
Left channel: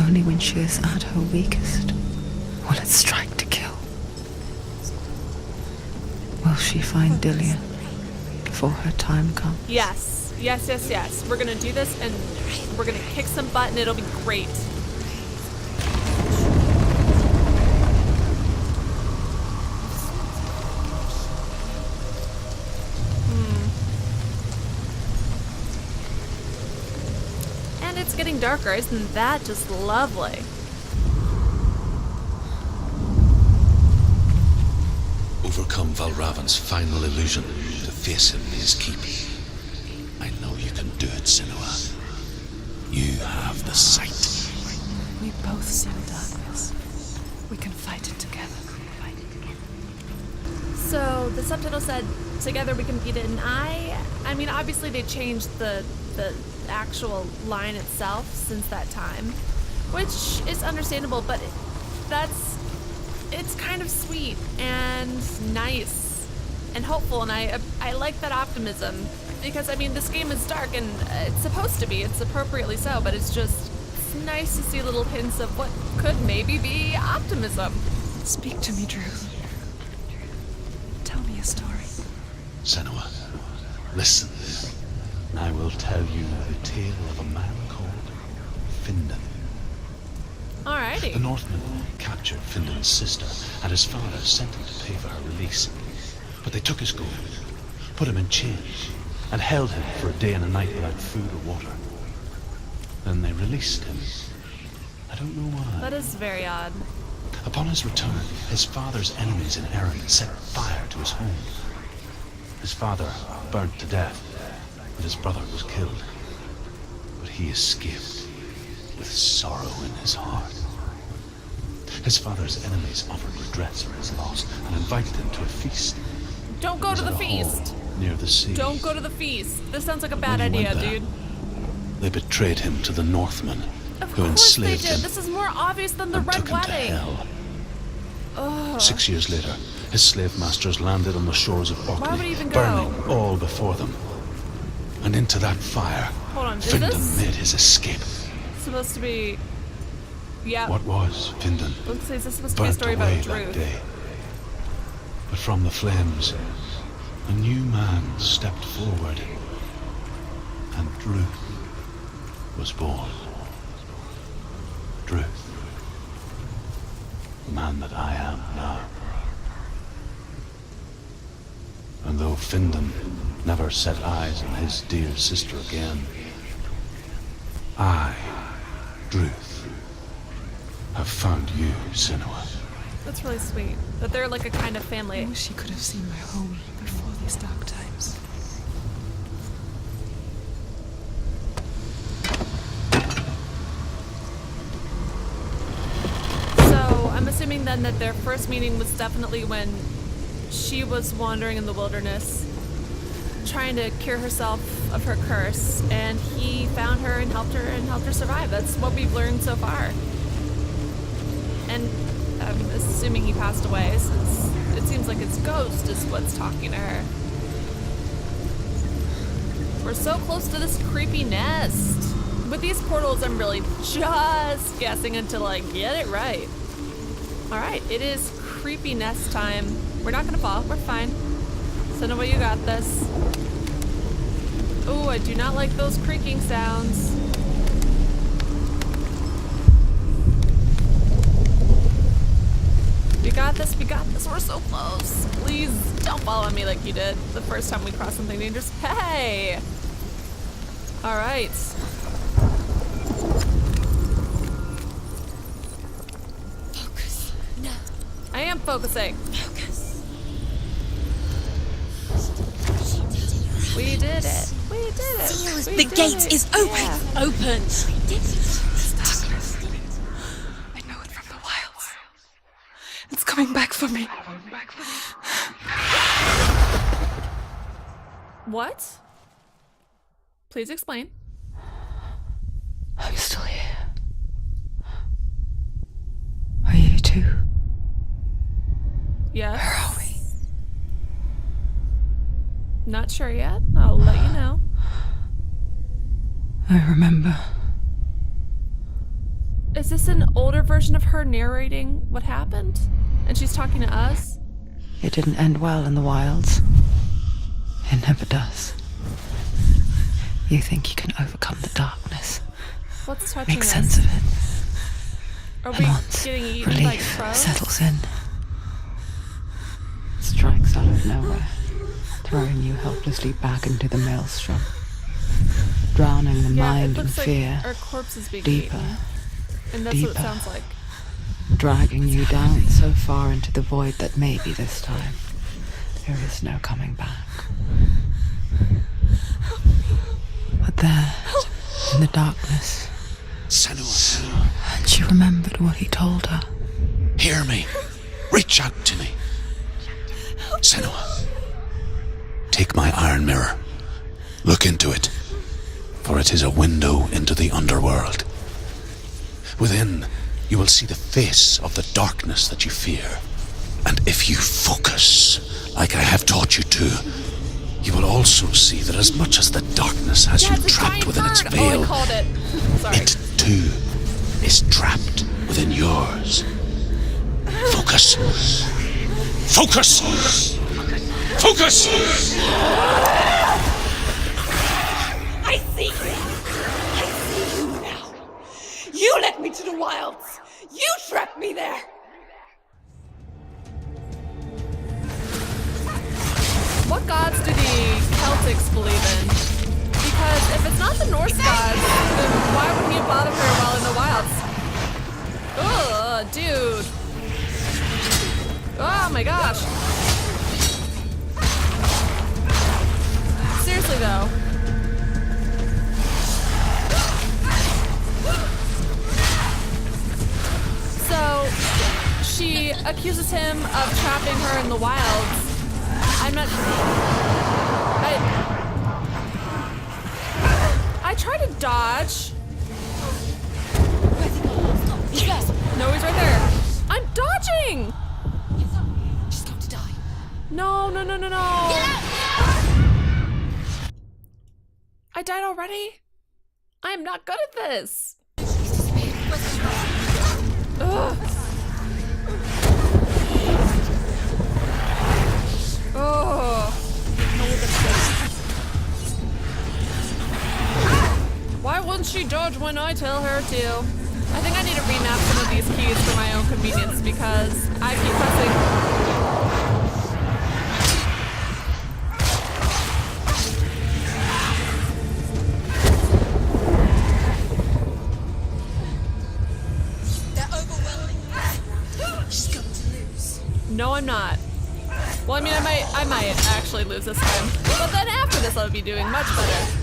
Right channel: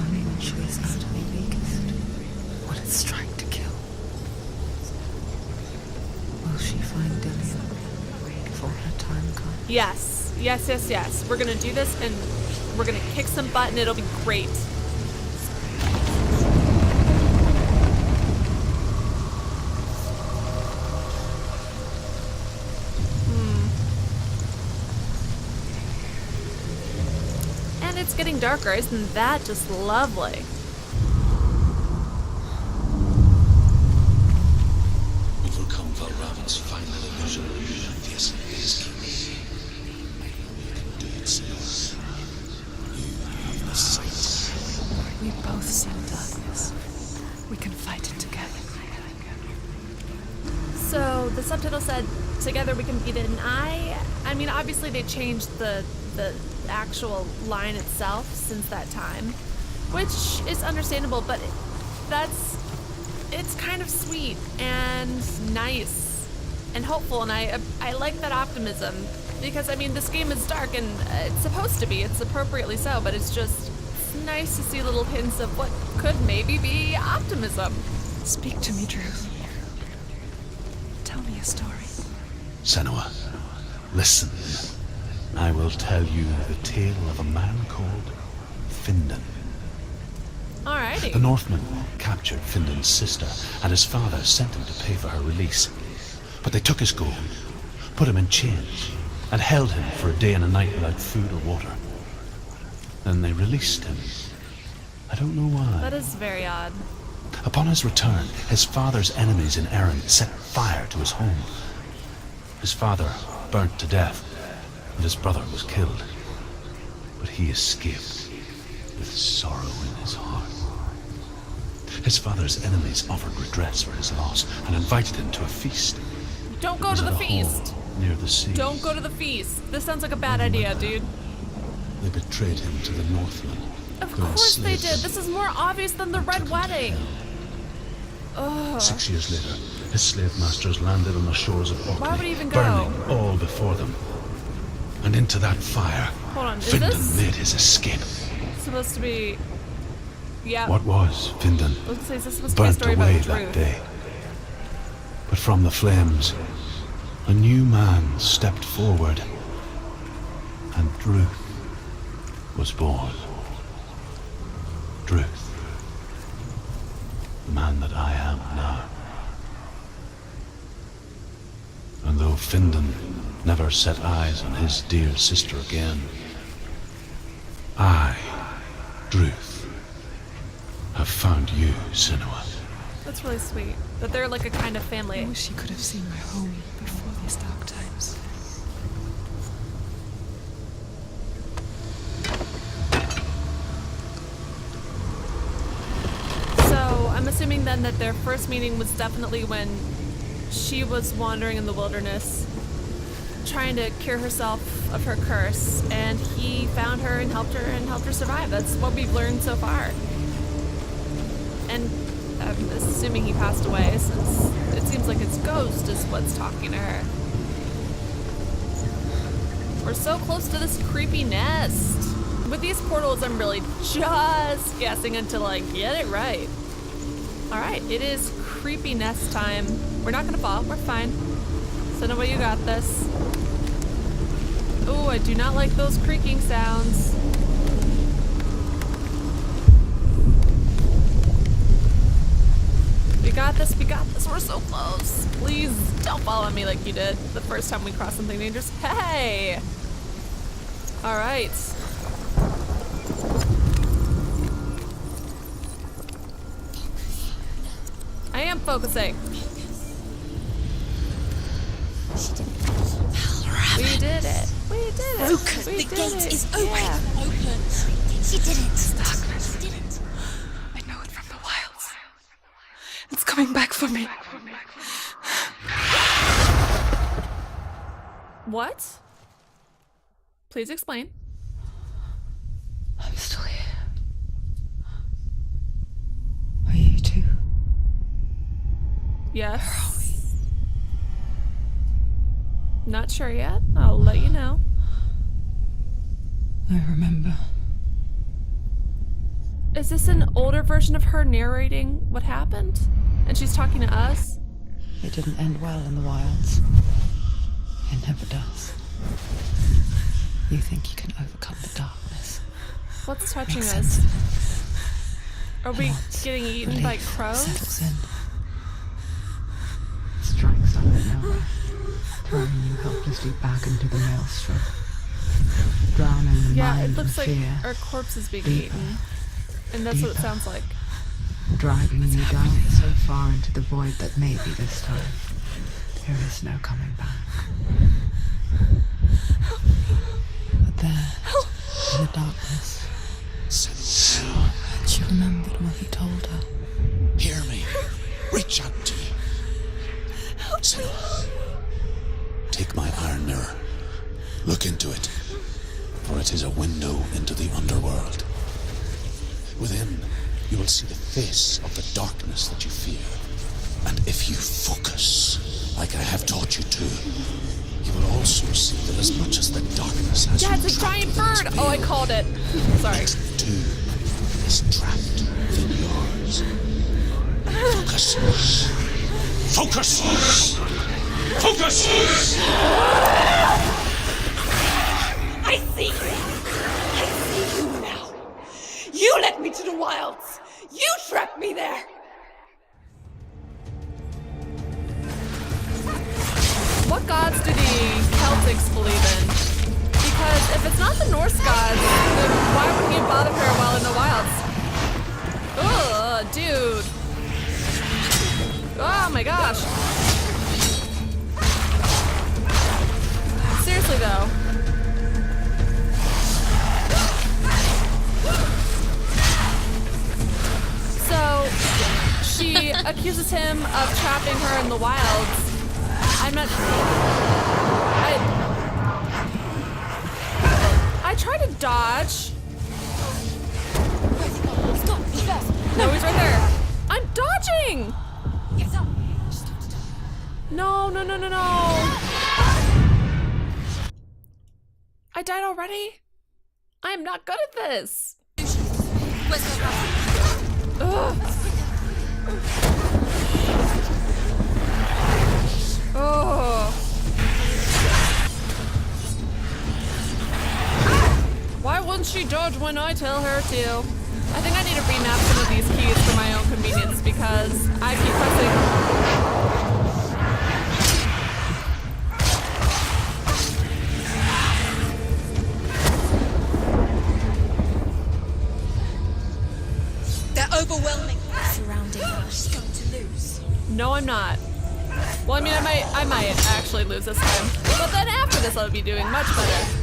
Only when she is at her weakest will it strike to kill. Will she find Dillian before her time comes? Yes. We're gonna do this and we're gonna kick some butt and it'll be great. And it's getting darker, isn't that just lovely? overcome Valravn's final illusion to face him in his keep. I know you can do it, Senua. You have the sight. We both see the darkness. We can fight it together. So the subtitle said, "Together we can beat it," and I mean, obviously they changed the actual line itself since that time, which is understandable, but it's kind of sweet and nice and hopeful, and I like that optimism, because I mean, this game is dark and it's supposed to be, it's appropriately so, but it's nice to see little hints of what could maybe be optimism. Speak to me, Druth. Tell me a story. Senua, listen. I will tell you the tale of a man called Findan. Alrighty. The Northmen captured Findan's sister, and his father sent him to pay for her release. But they took his gold, put him in chains, and held him for a day and a night without food or water. Then they released him. I don't know why. That is very odd. Upon his return, his father's enemies in Erin set fire to his home. His father burnt to death, and his brother was killed. But he escaped with sorrow in his heart. His father's enemies offered redress for his loss and invited him to a feast. Don't go to the At a feast. hall near the sea. Don't go to the feast. This sounds like a bad idea, dude. They betrayed him to the Northmen. Of who course they enslaved did. him This is more obvious than the and Red took him to Wedding. hell. Ugh. 6 years later, his slave masters landed on the shores of Orkney, Why would he even go? burning all before them. And into that fire, Hold on, is Findan this made his escape. supposed to be... Yeah, What was Findan I was gonna say, is this supposed to be a burnt story away about that Druth? day. But from the flames, a new man stepped forward, and Druth was born. Druth, the man that I am now. And though Findan never set eyes on his dear sister again, I, Druth, have found you, Senua. That's really sweet. That they're like a kind of I family. wish you could have seen my home before these dark times. So I'm assuming then that their first meeting was definitely when she was wandering in the wilderness, trying to cure herself of her curse, and he found her and helped her survive. That's what we've learned so far. And I'm assuming he passed away, since it seems like his ghost is what's talking to her. We're so close to this creepy nest. With these portals, I'm really just guessing until I get it right. Alright, it is creepy nest time. We're not gonna fall, we're fine. Senua, you got this. Oh, I do not like those creaking sounds. We got this, we're so close. Please don't follow me like you did the first time we crossed something dangerous. Hey! Alright. I am focusing. We did it. We did it. Focus. We The did gate it. is open. Yeah. Open. This darkness. I know it from the wilds. It's coming back for me. What? Please explain. I'm still here. Are you too? Yes. Not sure yet. I'll let you know. I remember. Is this an older version of her narrating what happened? And she's talking to us? It didn't end well in the wilds. It never does. You think you can overcome the darkness. What's touching Make sense us? of it. Are we Once getting eaten relief by crows? settles in. Strikes out of nowhere, throwing you helplessly back into the maelstrom. Drowning the Yeah, mind it looks in like fear, our corpse is being deeper, eaten. And that's what it deeper. sounds like. dragging you down so far into the void that may be this time There is no coming back. But there, in the darkness, Senua, she remembered what he told her. hear me. Reach out to me. Senua, take my iron mirror. Look into it, for it is a window into the underworld. Within, you will see the face of the darkness that you fear. And if you focus, like I have taught you to, you will also see that as much as the darkness has Yeah, you it's a trapped giant within its bird. veil, Oh, I called it. Sorry. it too is trapped within yours. Focus. Focus! Focus! I see you! I see you now! You led me to the wilds! You trapped me there! What gods do the Celtics believe in? Because if it's not the Norse gods, then why wouldn't you bother her while in the wilds? Ugh, dude. Oh my gosh. Seriously though. So, she accuses him of trapping her in the wilds. I'm not. I tried to dodge. No, he's right there. I'm dodging! She's got to die. No, no, no, no, no. I died already? I am not good at this. Ugh. Oh. Why wouldn't she dodge when I tell her to? I think I need to remap some of these keys for my own convenience because I keep pressing. They're overwhelming. She's going to lose. No, I'm not. Well, I mean, I might actually lose this time. But then after this, I'll be doing much better.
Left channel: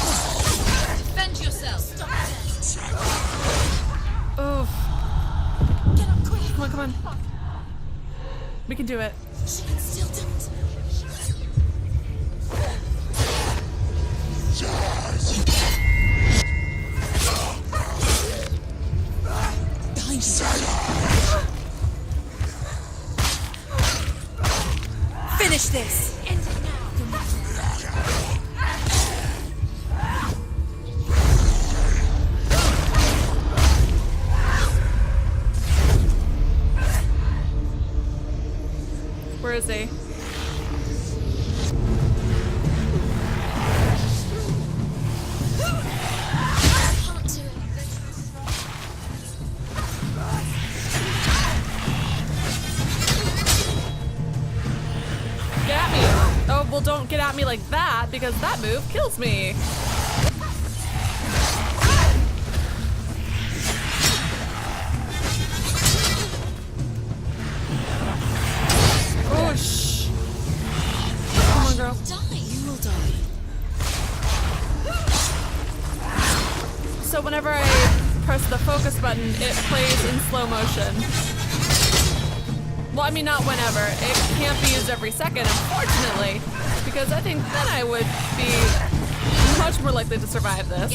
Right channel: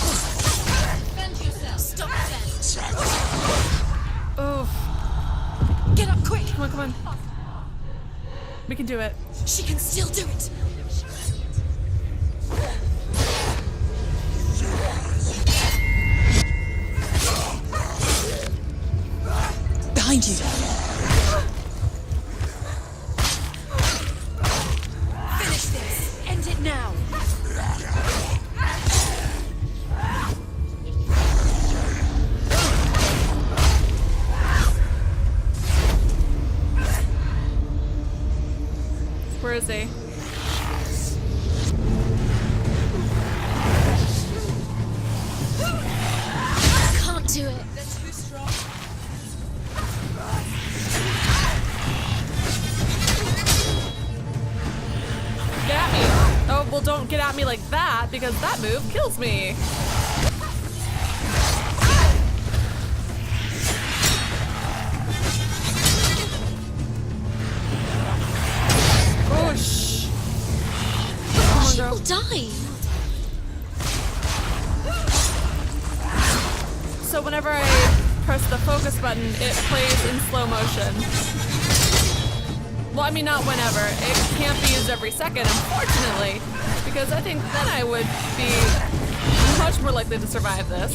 Defend yourself. Stop it. Oof. Get up quick. Come on, come on. We can do it. She can still do it. Behind you. Finish this. End it now. Where is he? Can't do it. Get at me. Oh, well, don't get at me like that because that move kills me. Oh, shh. Come on, girl. Die. So whenever I press the focus button, it plays in slow motion. Well, I mean, not whenever. It can't be used every second, unfortunately, because I think then I would be much more likely to survive this.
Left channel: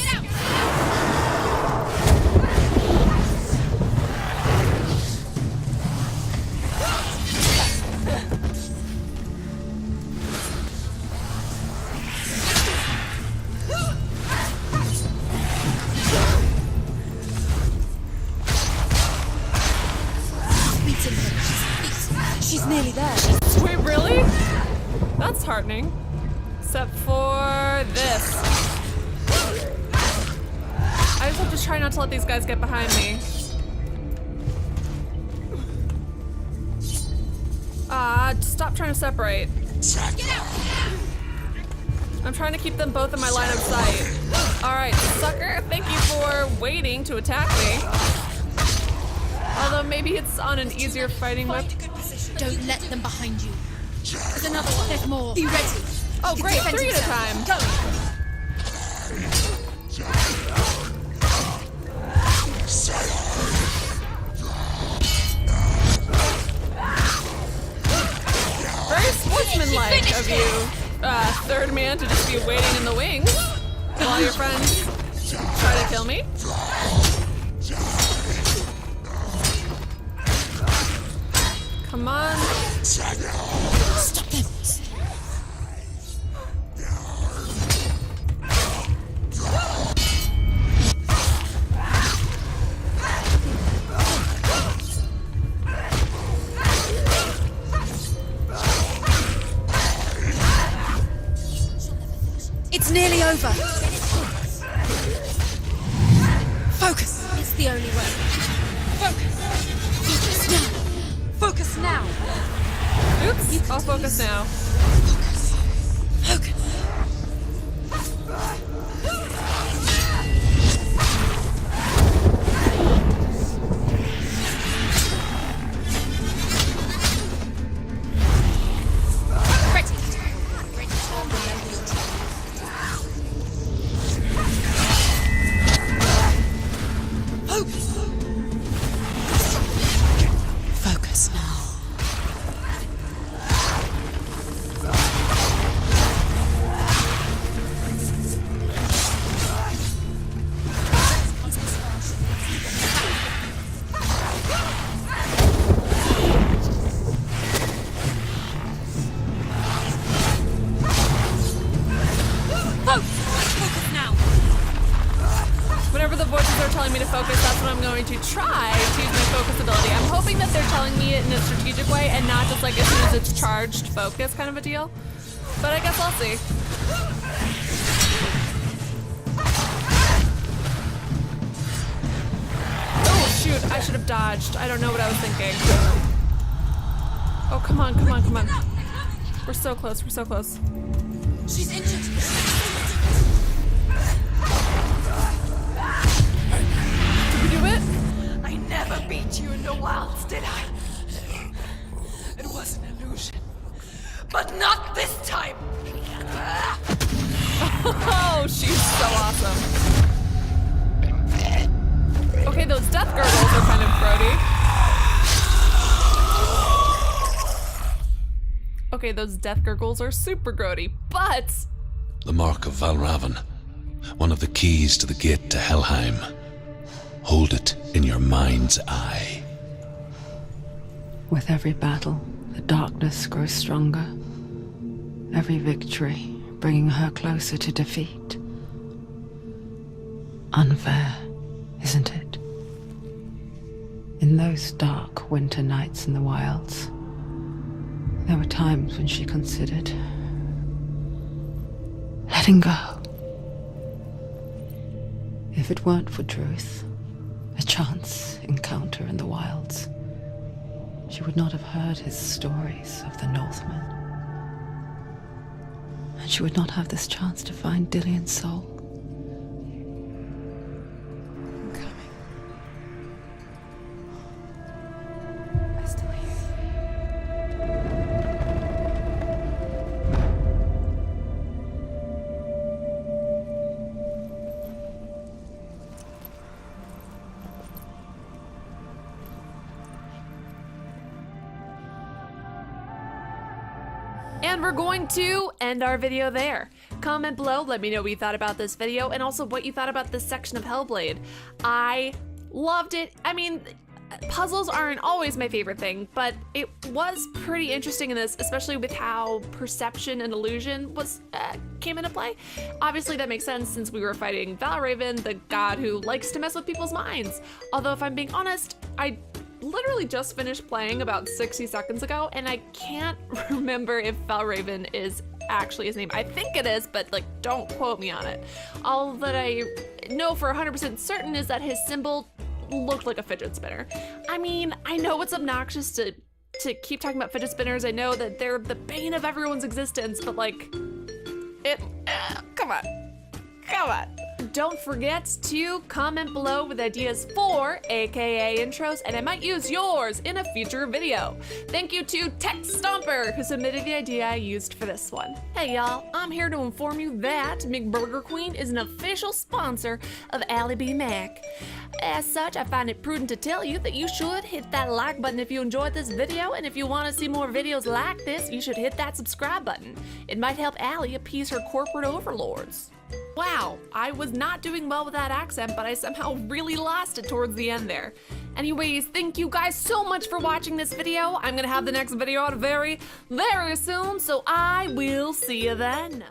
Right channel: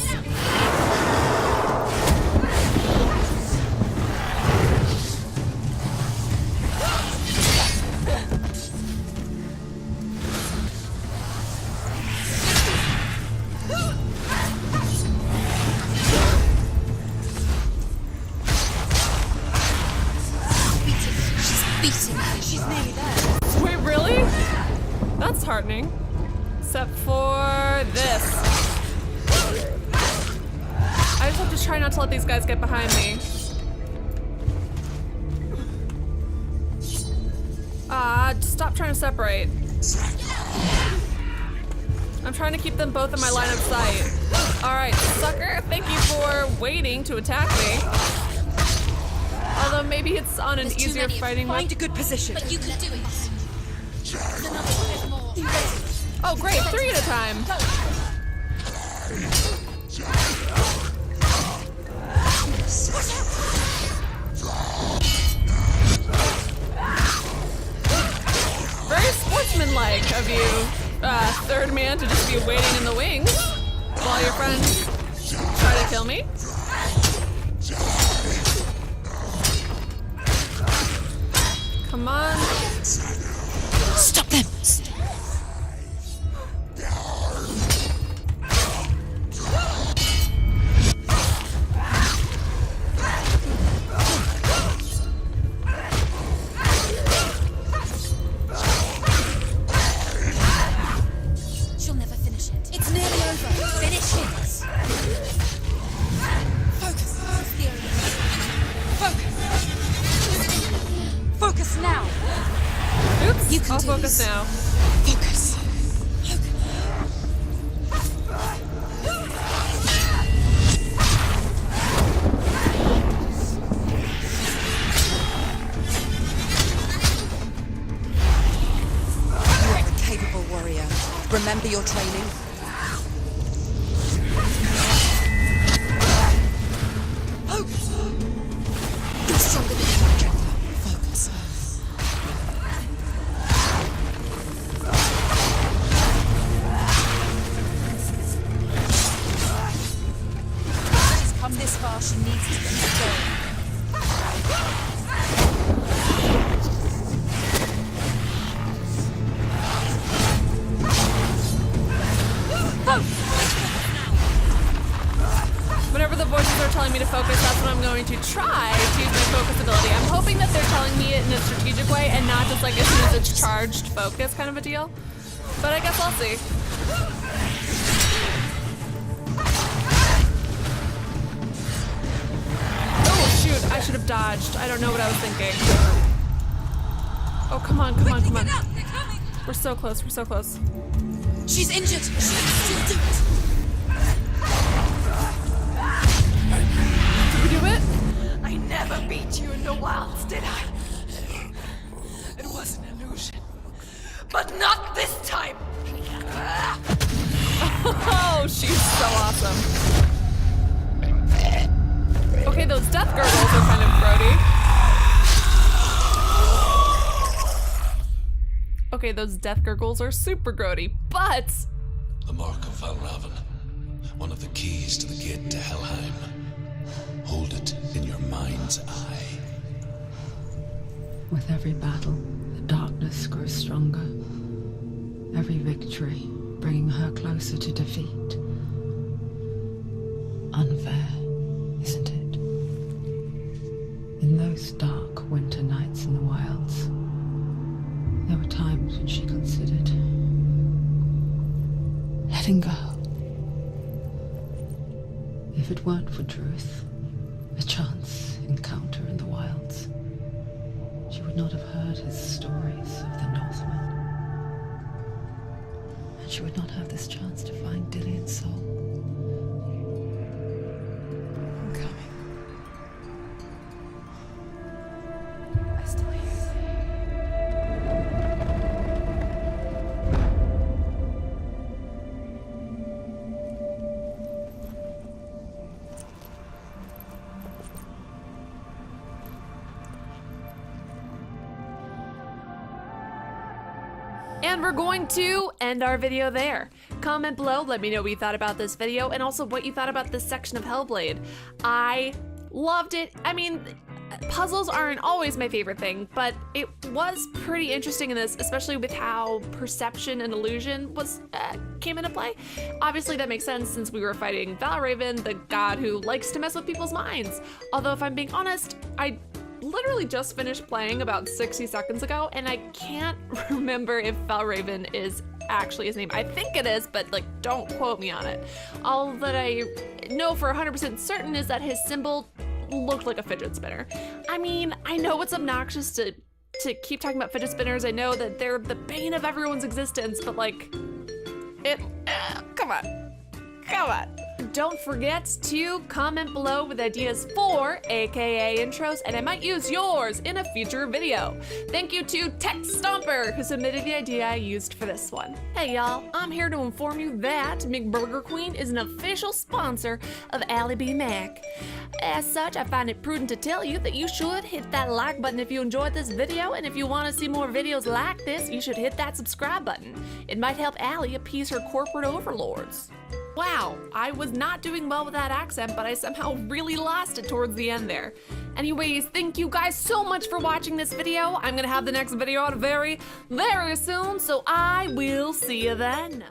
She's nearly there. Wait, really? That's heartening. Except for this. I just have to try not to let these guys get behind me. Stop trying to separate. I'm trying to keep them both in my line of sight. All right, sucker, thank you for waiting to attack me. Although maybe it's on an easier fighting mode. Find a good position. But you let them behind you. There's enough. There's more. Oh great, 3 at a time. Very sportsmanlike of you, third man, to just be waiting in the wings while your friends try to kill me. Come on. Stop them. She'll never finish it. It's nearly over. Focus. It's the only way. Focus now. Oops, I'll focus now. Focus. Focus. Capable warrior. Remember your training. Focus. Focus now. Come this far, she needs to get Whenever the voices are telling me to focus, that's when I'm going to try to use my focus ability. I'm hoping that they're telling me it in a strategic way and not just like as soon as it's charged focus kind of a deal. But I guess I'll see. Oh shoot, I should have dodged. I don't know what I was thinking. Oh, come on, come on, come on. We're so close, we're so close. She's injured. Did we do it? I never beat you in the wilds, did I? It was an illusion. But not this time! Oh, she's so awesome. Okay, those death gurgles are kind of grody. Okay, those death gurgles are super grody, but... The mark of Valravn, one of the keys to the gate to Helheim. Hold it in your mind's eye. With every battle, the darkness grows stronger. Every victory bringing her closer to defeat. Unfair, isn't it? In those dark winter nights in the wilds, there were times when she considered letting go. If it weren't for truth, a chance encounter in the wilds, she would not have heard his stories of the Northmen. And she would not have this chance to find Dillion's soul. I'm coming. I still hear you. And we're going to end our video there. Comment below, let me know what you thought about this video and also what you thought about this section of Hellblade. I loved it. I mean, puzzles aren't always my favorite thing, but it was pretty interesting in this, especially with how perception and illusion was came into play. Obviously that makes sense since we were fighting Valravn, the god who likes to mess with people's minds. Although if I'm being honest, I literally just finished playing about 60 seconds ago and I can't remember if Valravn is actually his name. I think it is, but like don't quote me on it. All that I know for 100% certain is that his symbol looked like a fidget spinner. I mean, I know it's obnoxious to keep talking about fidget spinners. I know that they're the bane of everyone's existence, but like Come on. Come on. Don't forget to comment below with ideas for AKA intros, and I might use yours in a future video. Thank you to Tech Stomper, who submitted the idea I used for this one. Hey y'all, I'm here to inform you that McBurger Queen is an official sponsor of alliebeemac. As such, I find it prudent to tell you that you should hit that like button if you enjoyed this video, and if you want to see more videos like this, you should hit that subscribe button. It might help Allie appease her corporate overlords. Wow, I was not doing well with that accent, but I somehow really lost it towards the end there. Anyways, thank you guys so much for watching this video. I'm gonna have the next video out very, very soon, so I will see you then.